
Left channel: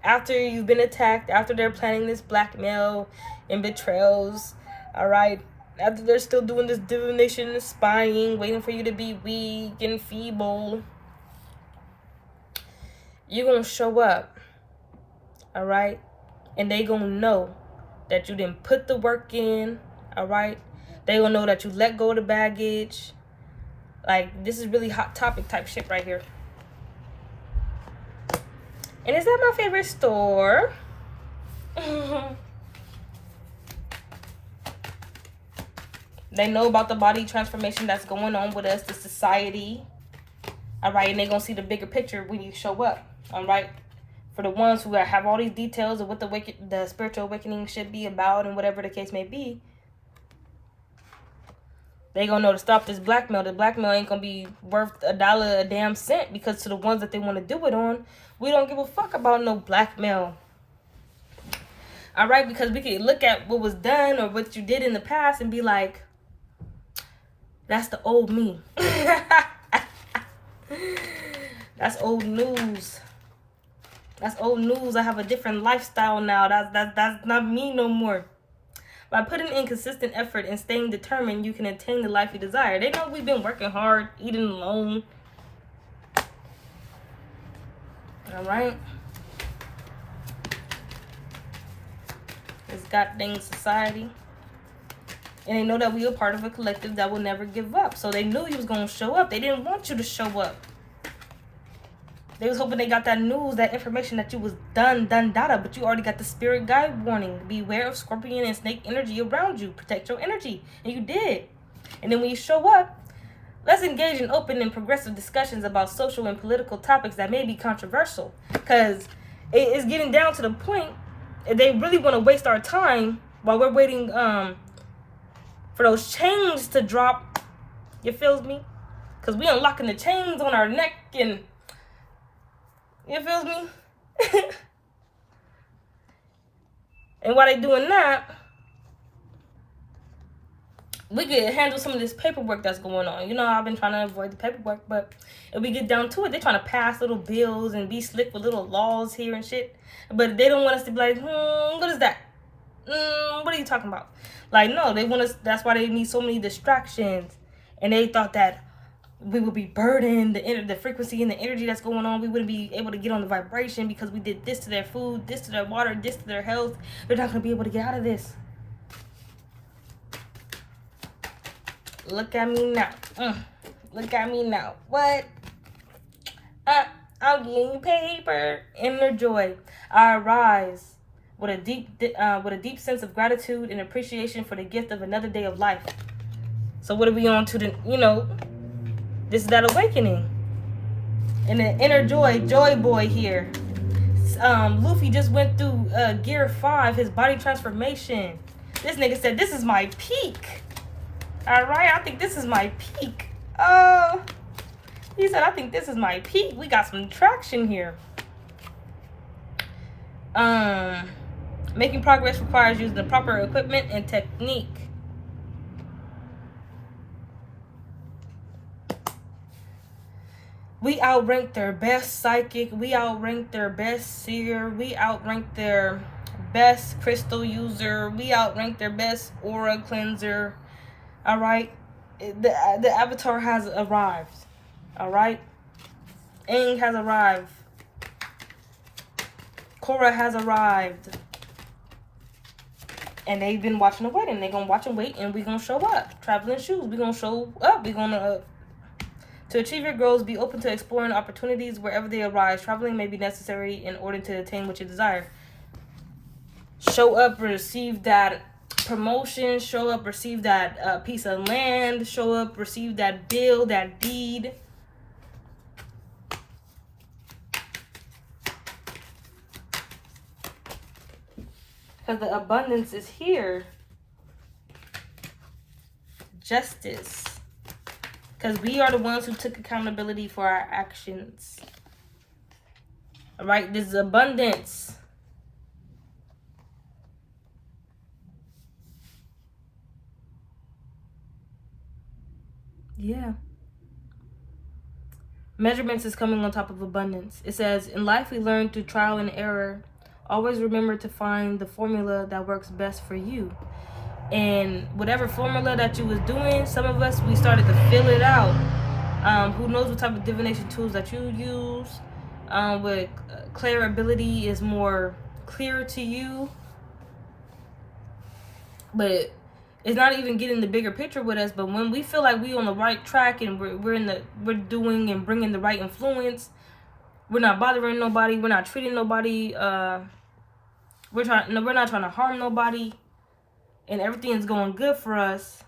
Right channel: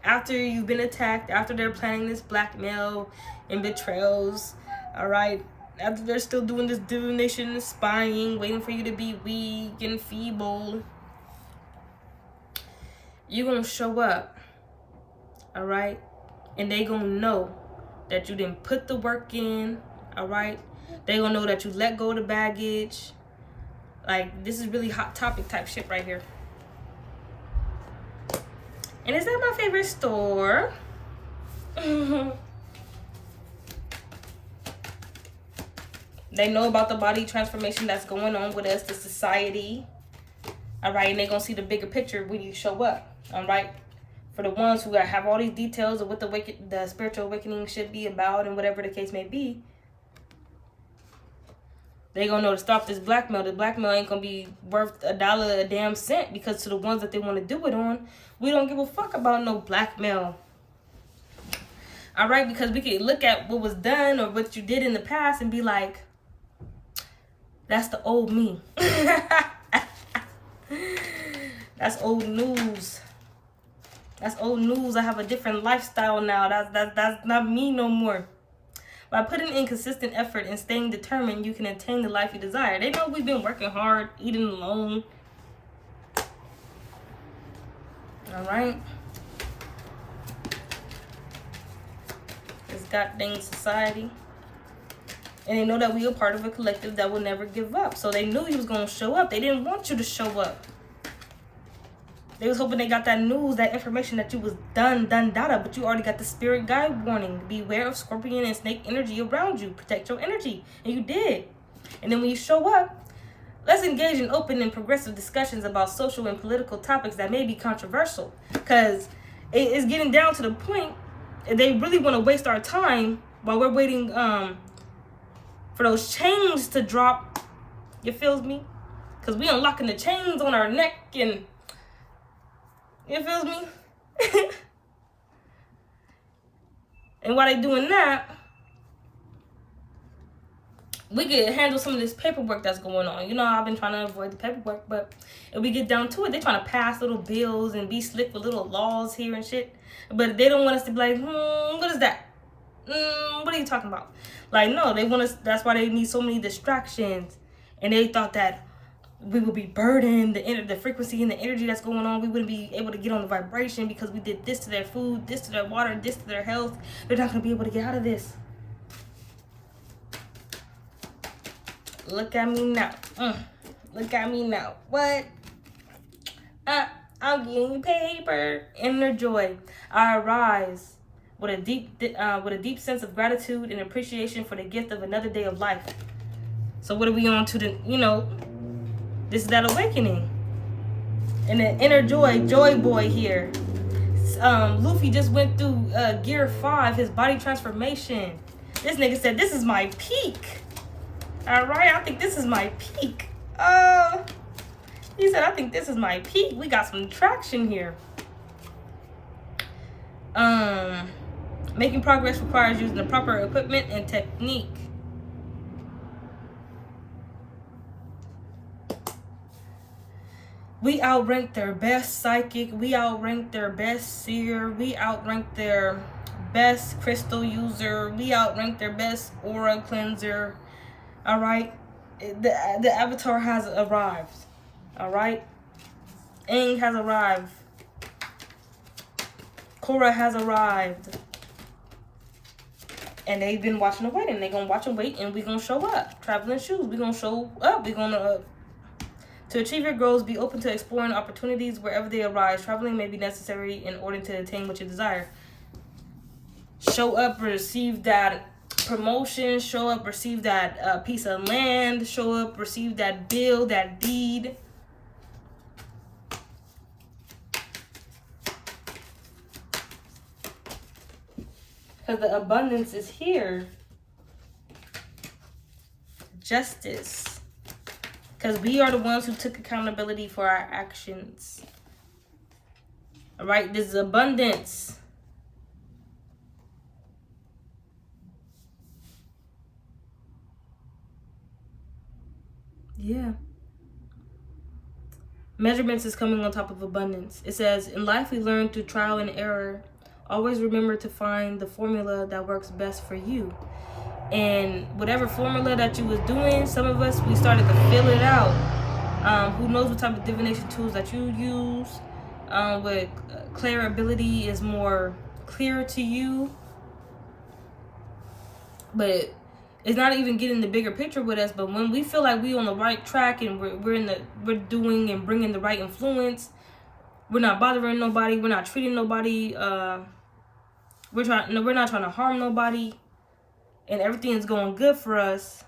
after you've been attacked, after they're planning this blackmail and betrayals, all right? After they're still doing this divination and spying, waiting for you to be weak and feeble. You're going to show up, all right? And they going to know that you didn't put the work in, all right? They going to know that you let go of the baggage. Like, this is really hot topic type shit right here. And is that my favorite store? They know about the body transformation that's going on with us, the society. All right, and they're going to see the bigger picture when you show up. All right? For the ones who have all these details of what the spiritual awakening should be about and whatever the case may be, they gonna know to stop this blackmail. The blackmail ain't gonna be worth $1 a damn cent, because to the ones that they want to do it on, we don't give a fuck about no blackmail. All right, because we can look at what was done or what you did in the past and be like, that's the old me. That's old news. That's old news. I have a different lifestyle now. That's not me no more. By putting in consistent effort and staying determined, you can attain the life you desire. They know we've been working hard, eating alone. All right. This goddamn society. And they know that we are part of a collective that will never give up. So they knew he was going to show up. They didn't want you to show up. They was hoping they got that news, that information that you was done, but you already got the spirit guide warning. Beware of scorpion and snake energy around you. Protect your energy. And you did. And then when you show up, let's engage in open and progressive discussions about social and political topics that may be controversial. Because it's getting down to the point, they really want to waste our time while we're waiting for those chains to drop. You feel me? Because we unlocking the chains on our neck and... You feel me? And while they doing that, we can handle some of this paperwork that's going on. You know, I've been trying to avoid the paperwork, but if we get down to it, they're trying to pass little bills and be slick with little laws here and shit. But they don't want us to be like, what is that? What are you talking about? Like, no, they want us, that's why they need so many distractions. And they thought that we would be burdened, the frequency and the energy that's going on, we wouldn't be able to get on the vibration because we did this to their food, this to their water, this to their health. They're not going to be able to get out of this. Look at me now. Look at me now. What? I'm getting paper. Inner joy. I arise with a deep sense of gratitude and appreciation for the gift of another day of life. So what are we on to the, this is that awakening. And the inner joy boy here. Luffy just went through gear 5, his body transformation. This nigga said, this is my peak. All right, I think this is my peak. He said, I think this is my peak. We got some traction here. Making progress requires using the proper equipment and technique. We outrank their best psychic. We outrank their best seer. We outrank their best crystal user. We outrank their best aura cleanser. All right. The avatar has arrived. All right. Aang has arrived. Korra has arrived. And they've been watching the wedding. They're going to watch and wait, and we're going to show up. Traveling shoes. We're going to show up. We're going to achieve your goals, be open to exploring opportunities wherever they arise. Traveling may be necessary in order to attain what you desire. Show up, receive that promotion. Show up, receive that piece of land. Show up, receive that bill, that deed. Because the abundance is here. Justice. Because we are the ones who took accountability for our actions. All right, this is abundance. Yeah. Measurements is coming on top of abundance. It says, in life we learn through trial and error. Always remember to find the formula that works best for you. And whatever formula that you was doing, some of us, we started to fill it out. Who knows what type of divination tools that you use. What clear ability is more clear to you. But it's not even getting the bigger picture with us. But when we feel like we on the right track and we're doing and bringing the right influence, we're not bothering nobody. We're not treating nobody. We're not trying to harm nobody. And everything is going good for us.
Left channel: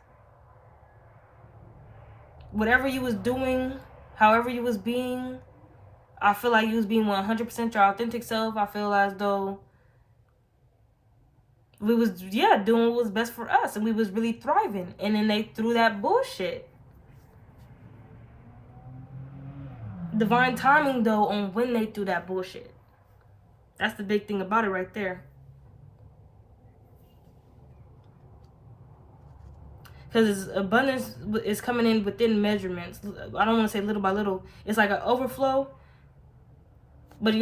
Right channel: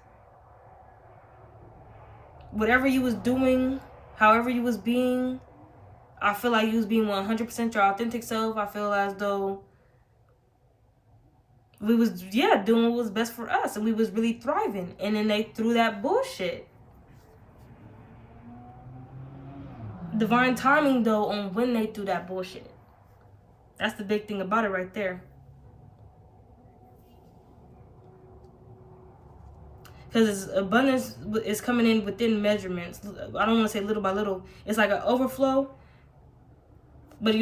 Whatever you was doing, however you was being, I feel like you was being 100% your authentic self. I feel as though we was, doing what was best for us. And we was really thriving. And then they threw that bullshit. Divine timing, though, on when they threw that bullshit. That's the big thing about it right there. Because abundance is coming in within measurements. I don't want to say little by little. It's like an overflow. But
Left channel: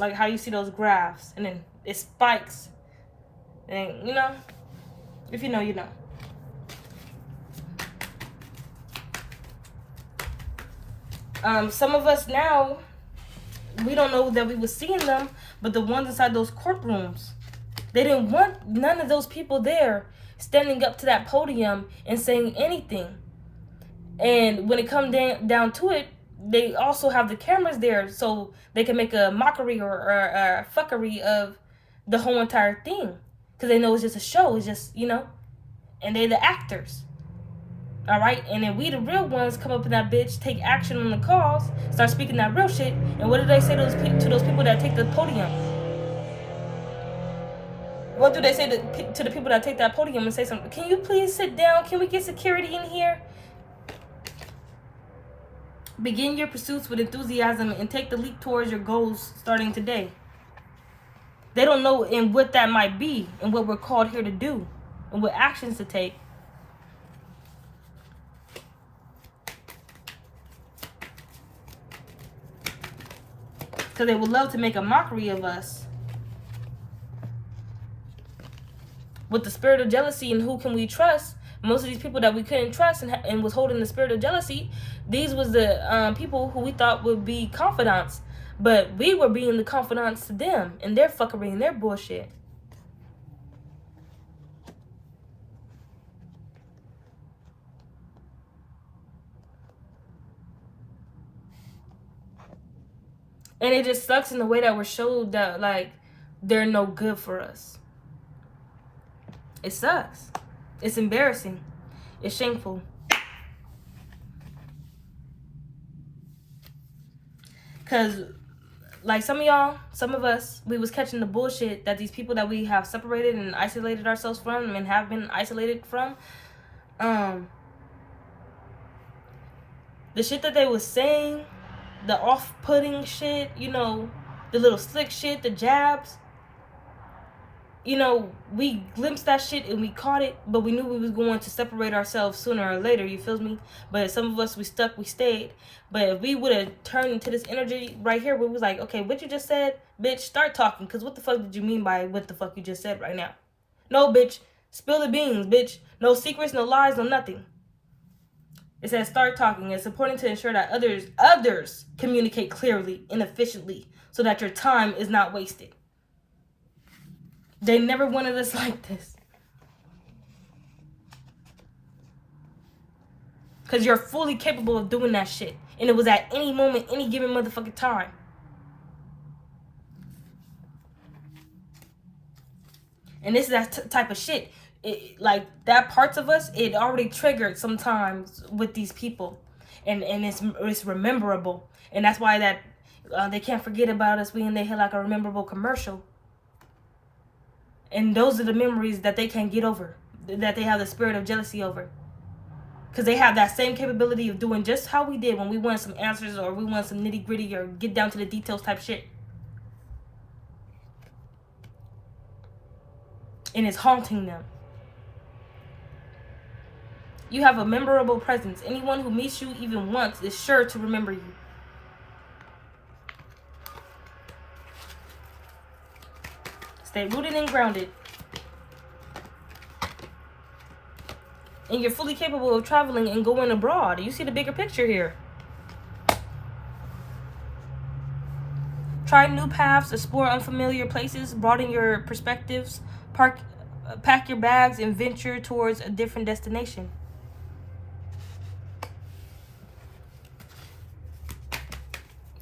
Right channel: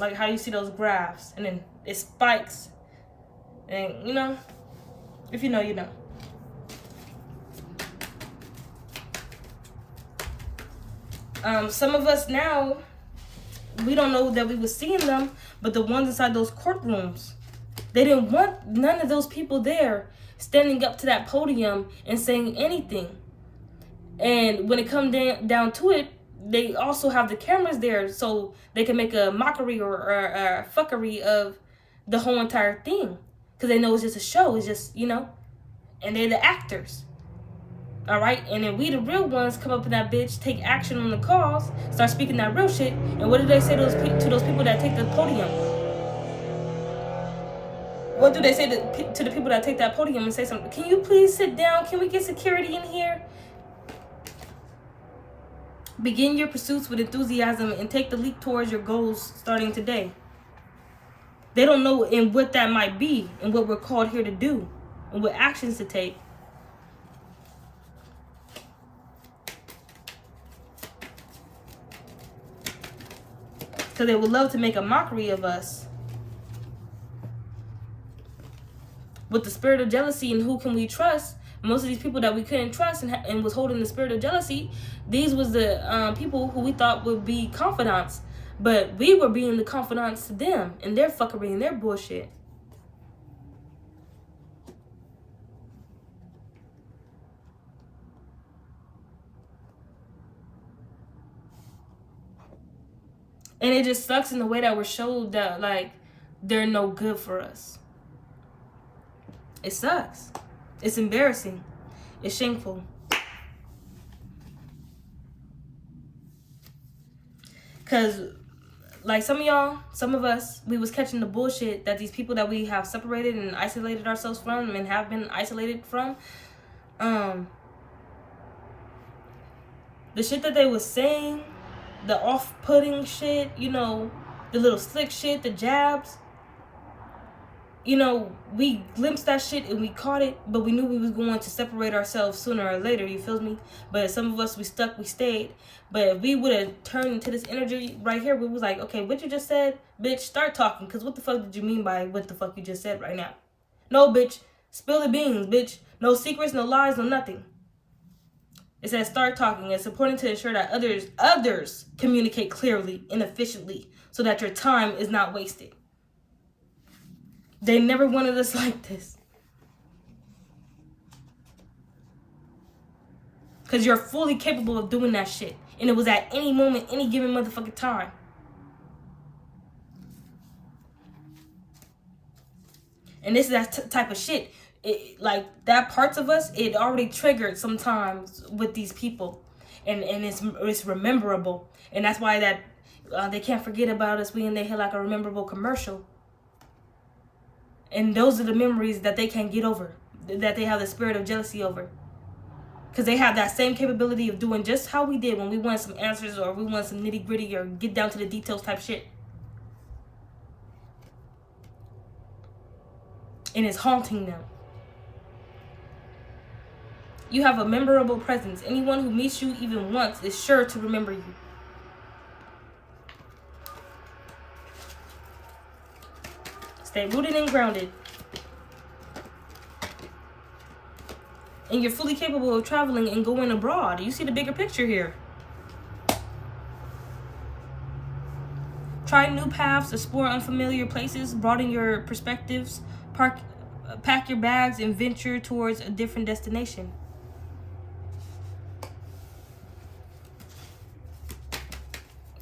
like how you see those graphs. And then it spikes. And if you know, you know. Some of us now, we don't know that we were seeing them. But the ones inside those courtrooms, they didn't want none of those people there standing up to that podium and saying anything. And when it comes down to it, they also have the cameras there so they can make a mockery or a fuckery of the whole entire thing. Because they know it's just a show. It's just, and they're the actors. All right? And then we, the real ones, come up in that bitch, take action on the cause, start speaking that real shit. And what do they say to those people that take the podium? What do they say to the people that take that podium and say something? Can you please sit down? Can we get security in here? Begin your pursuits with enthusiasm and take the leap towards your goals starting today. They don't know in what that might be and what we're called here to do and what actions to take. Because they would love to make a mockery of us. With the spirit of jealousy and who can we trust, most of these people that we couldn't trust and was holding the spirit of jealousy, these was the people who we thought would be confidants. But we were being the confidants to them and their fuckery and their bullshit. And it just sucks in the way that we're showed that, like, they're no good for us. It sucks. It's embarrassing. It's shameful. Because, like, some of us, we was catching the bullshit that these people that we have separated and isolated ourselves from and have been isolated from, the shit that they was saying, the off-putting shit, you know, the little slick shit, the jabs, you know, we glimpsed that shit and we caught it, but we knew we was going to separate ourselves sooner or later, you feel me? But some of us, we stuck, we stayed. But if we would have turned into this energy right here, we was like, okay, what you just said, bitch, start talking, because what the fuck did you mean by what the fuck you just said right now? No, bitch, spill the beans, bitch. No secrets, no lies, no nothing. It says start talking. It's important to ensure that others communicate clearly and efficiently so that your time is not wasted. They never wanted us like this. Because you're fully capable of doing that shit. And it was at any moment, any given motherfucking time. And this is that type of shit. Like, that parts of us, it already triggered sometimes with these people. And it's rememberable. And that's why that they can't forget about us when they hit like a rememberable commercial. And those are the memories that they can't get over. That they have the spirit of jealousy over. Because they have that same capability of doing just how we did when we wanted some answers or we wanted some nitty gritty or get down to the details type shit. And it's haunting them. You have a memorable presence. Anyone who meets you even once is sure to remember you. Stay rooted and grounded. And you're fully capable of traveling and going abroad. You see the bigger picture here. Try new paths, explore unfamiliar places, broaden your perspectives, pack your bags, and venture towards a different destination.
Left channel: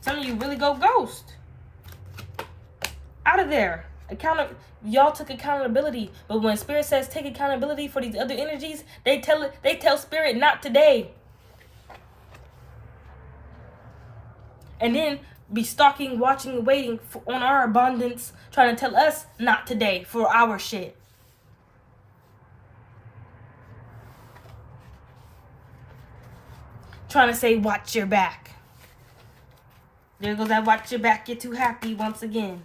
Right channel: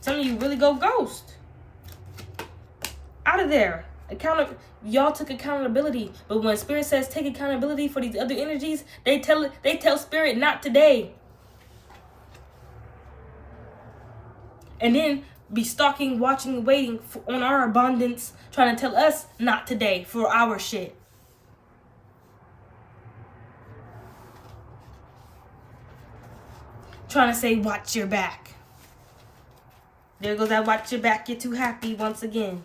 Some of you really go ghost. Out of there. Y'all took accountability, but when Spirit says take accountability for these other energies, they tell Spirit not today. And then be stalking, watching, waiting on our abundance, trying to tell us not today for our shit. Trying to say watch your back. There goes that watch your back, you're too happy once again.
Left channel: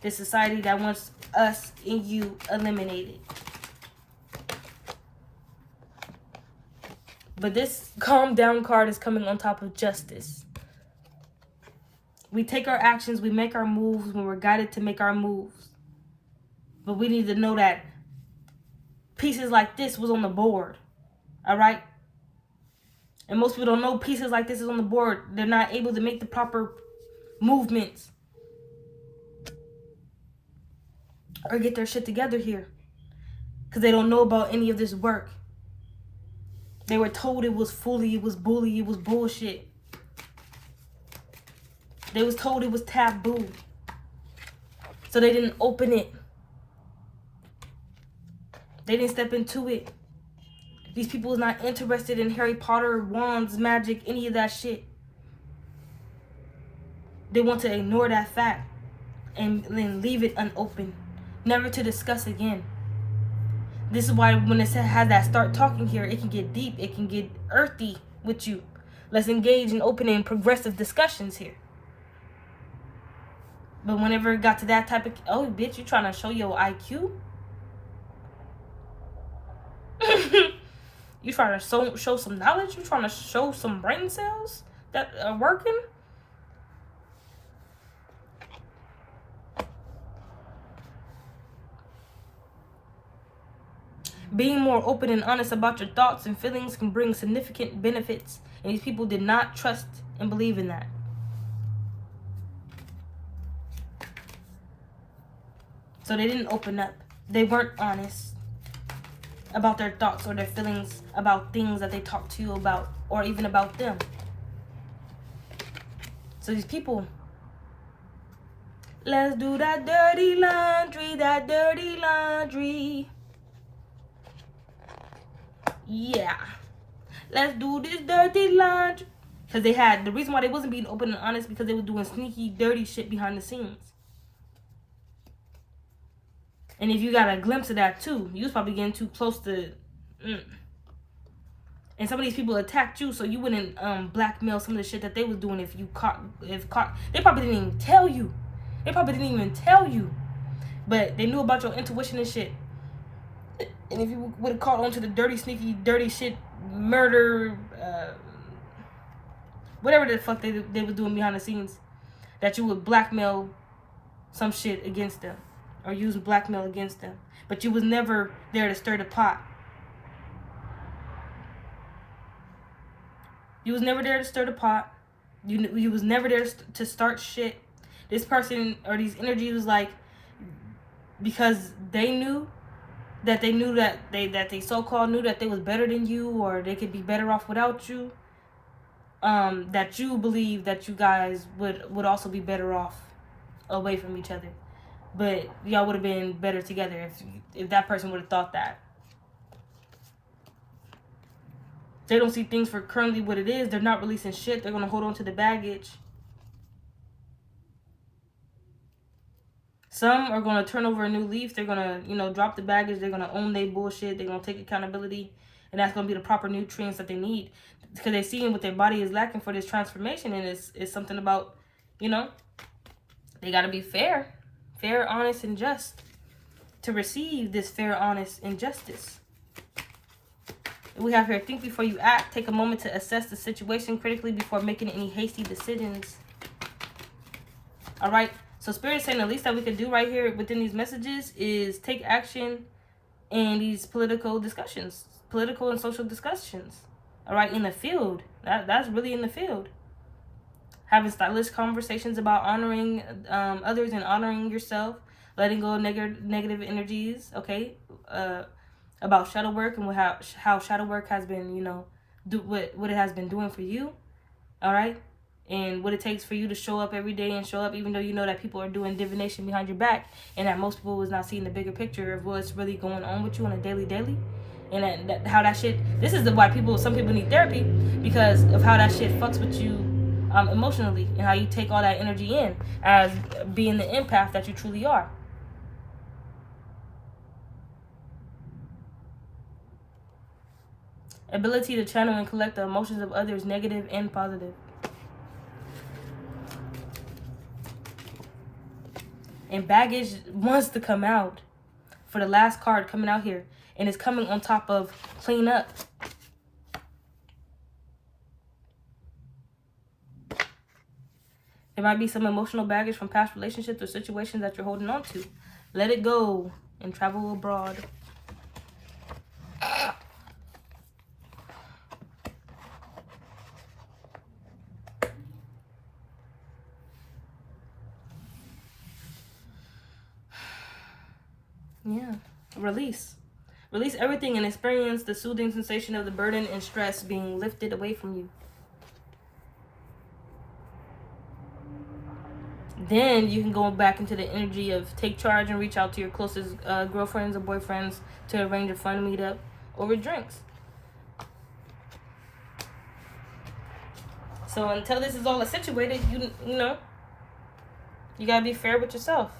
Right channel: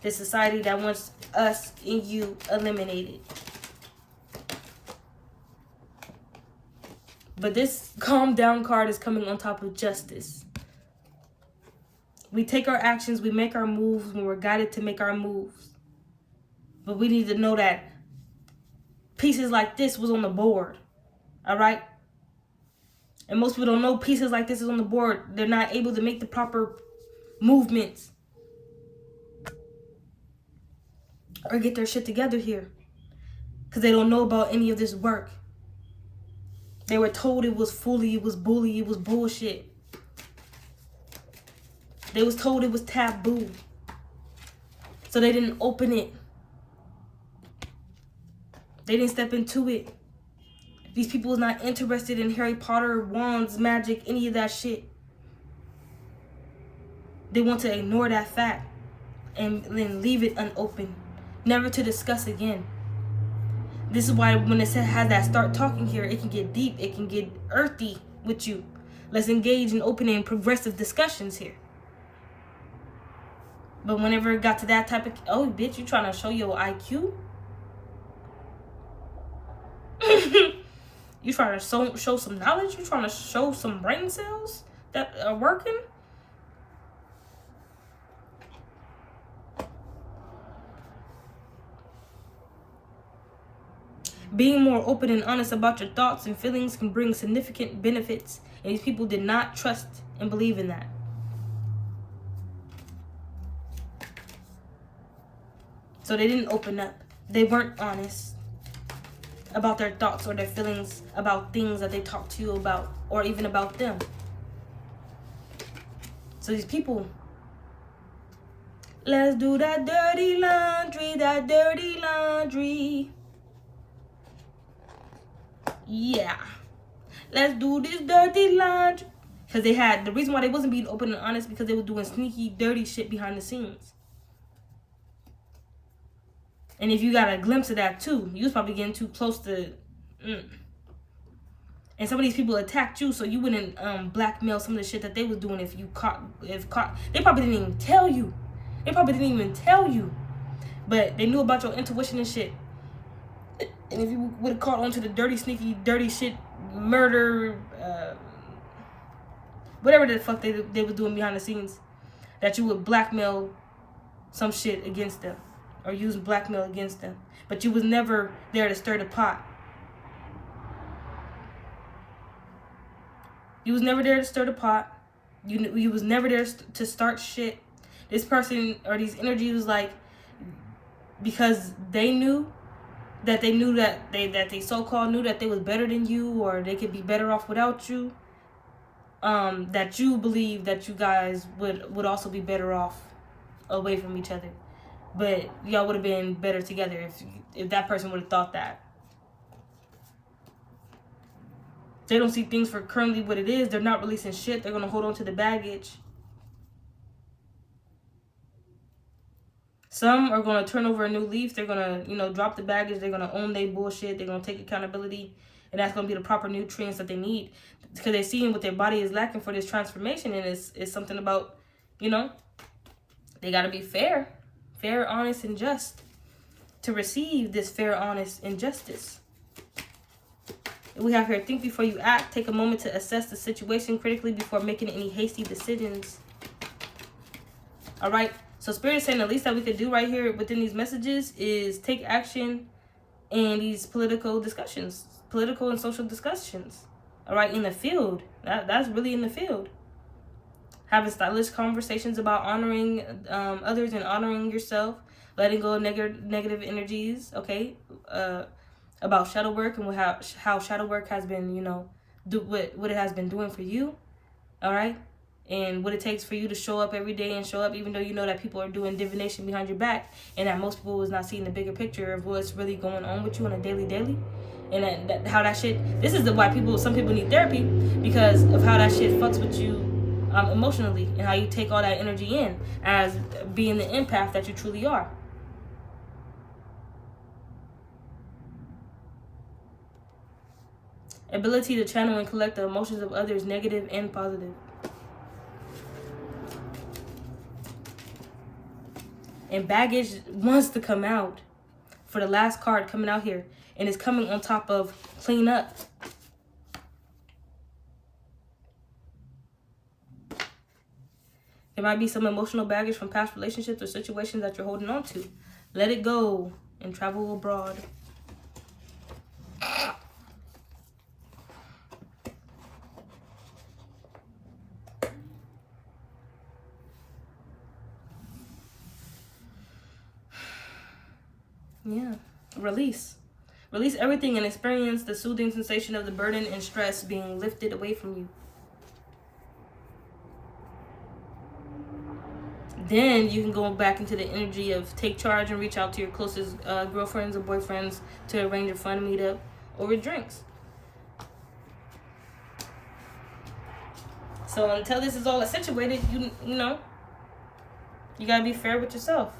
This society that wants us and you eliminated. But this calm down card is coming on top of justice. We take our actions, we make our moves when we're guided to make our moves. But we need to know that pieces like this was on the board. All right? And most people don't know pieces like this is on the board. They're not able to make the proper movements or get their shit together here because they don't know about any of this work. They were told it was fully, it was bully, it was bullshit. They was told it was taboo. So they didn't open it. They didn't step into it. These people was not interested in Harry Potter, wands, magic, any of that shit. They want to ignore that fact and then leave it unopened. Never to discuss again. This is why when it has that start talking here, it can get deep, it can get earthy with you. Let's engage in open and progressive discussions here. But whenever it got to that type of, oh bitch, you trying to show your IQ? You trying to show some knowledge? You trying to show some brain cells that are working? Being more open and honest about your thoughts and feelings can bring significant benefits. And these people did not trust and believe in that. So they didn't open up. They weren't honest about their thoughts or their feelings about things that they talked to you about or even about them. So these people, Let's do that dirty laundry, that dirty laundry. Yeah. Let's do this dirty laundry. Because they had, the reason why they wasn't being open and honest because they were doing sneaky, dirty shit behind the scenes. And if you got a glimpse of that too, you was probably getting too close to... And some of these people attacked you so you wouldn't blackmail some of the shit that they was doing if caught. They probably didn't even tell you. But they knew about your intuition and shit. And if you would have caught on to the dirty, sneaky, dirty shit, murder, whatever the fuck they were doing behind the scenes, that you would blackmail some shit against them or use blackmail against them. But you was never there to stir the pot. You was never there to stir the pot. You was never there to start shit. This person or these energies was like, because they knew that they so-called knew that they was better than you or they could be better off without you. That you believe that you guys would also be better off away from each other. But y'all would have been better together if that person would have thought that. They don't see things for currently what it is. They're not releasing shit. They're going to hold on to the baggage. Some are going to turn over a new leaf. They're going to, drop the baggage. They're going to own their bullshit. They're going to take accountability. And that's going to be the proper nutrients that they need. Because they're seeing what their body is lacking for this transformation. And it's something about, they got to be fair. Fair, honest, and just. To receive this fair, honest, and justice. We have here, think before you act. Take a moment to assess the situation critically before making any hasty decisions. All right. So Spirit is saying the least that we could do right here within these messages is take action in these political discussions, political and social discussions. All right. In the field. That's really in the field. Having stylish conversations about honoring others and honoring yourself. Letting go of negative energies. Okay. About shadow work and how shadow work has been, what it has been doing for you, all right? And what it takes for you to show up every day and show up even though you know that people are doing divination behind your back and that most people was not seeing the bigger picture of what's really going on with you on a daily. And how that shit, this is why some people need therapy because of how that shit fucks with you emotionally and how you take all that energy in as being the empath that you truly are. Ability to channel and collect the emotions of others, negative and positive. And baggage wants to come out for the last card coming out here. And it's coming on top of clean up. There might be some emotional baggage from past relationships or situations that you're holding on to. Let it go and travel abroad. Yeah, release everything and experience the soothing sensation of the burden and stress being lifted away from you. Then you can go back into the energy of take charge and reach out to your closest girlfriends or boyfriends to arrange a fun meetup over drinks. So until this is all accentuated, you gotta be fair with yourself.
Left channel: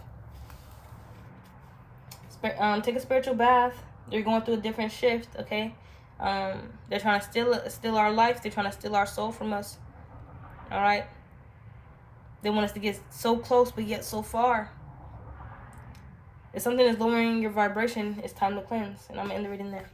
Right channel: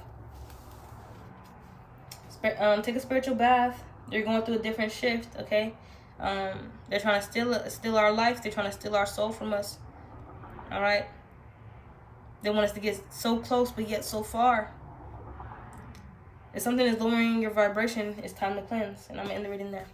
Take a spiritual bath. They're going through a different shift, okay? They're trying to steal our life. They're trying to steal our soul from us. All right? They want us to get so close, but yet so far. If something is lowering your vibration, it's time to cleanse. And I'm going to end the reading there.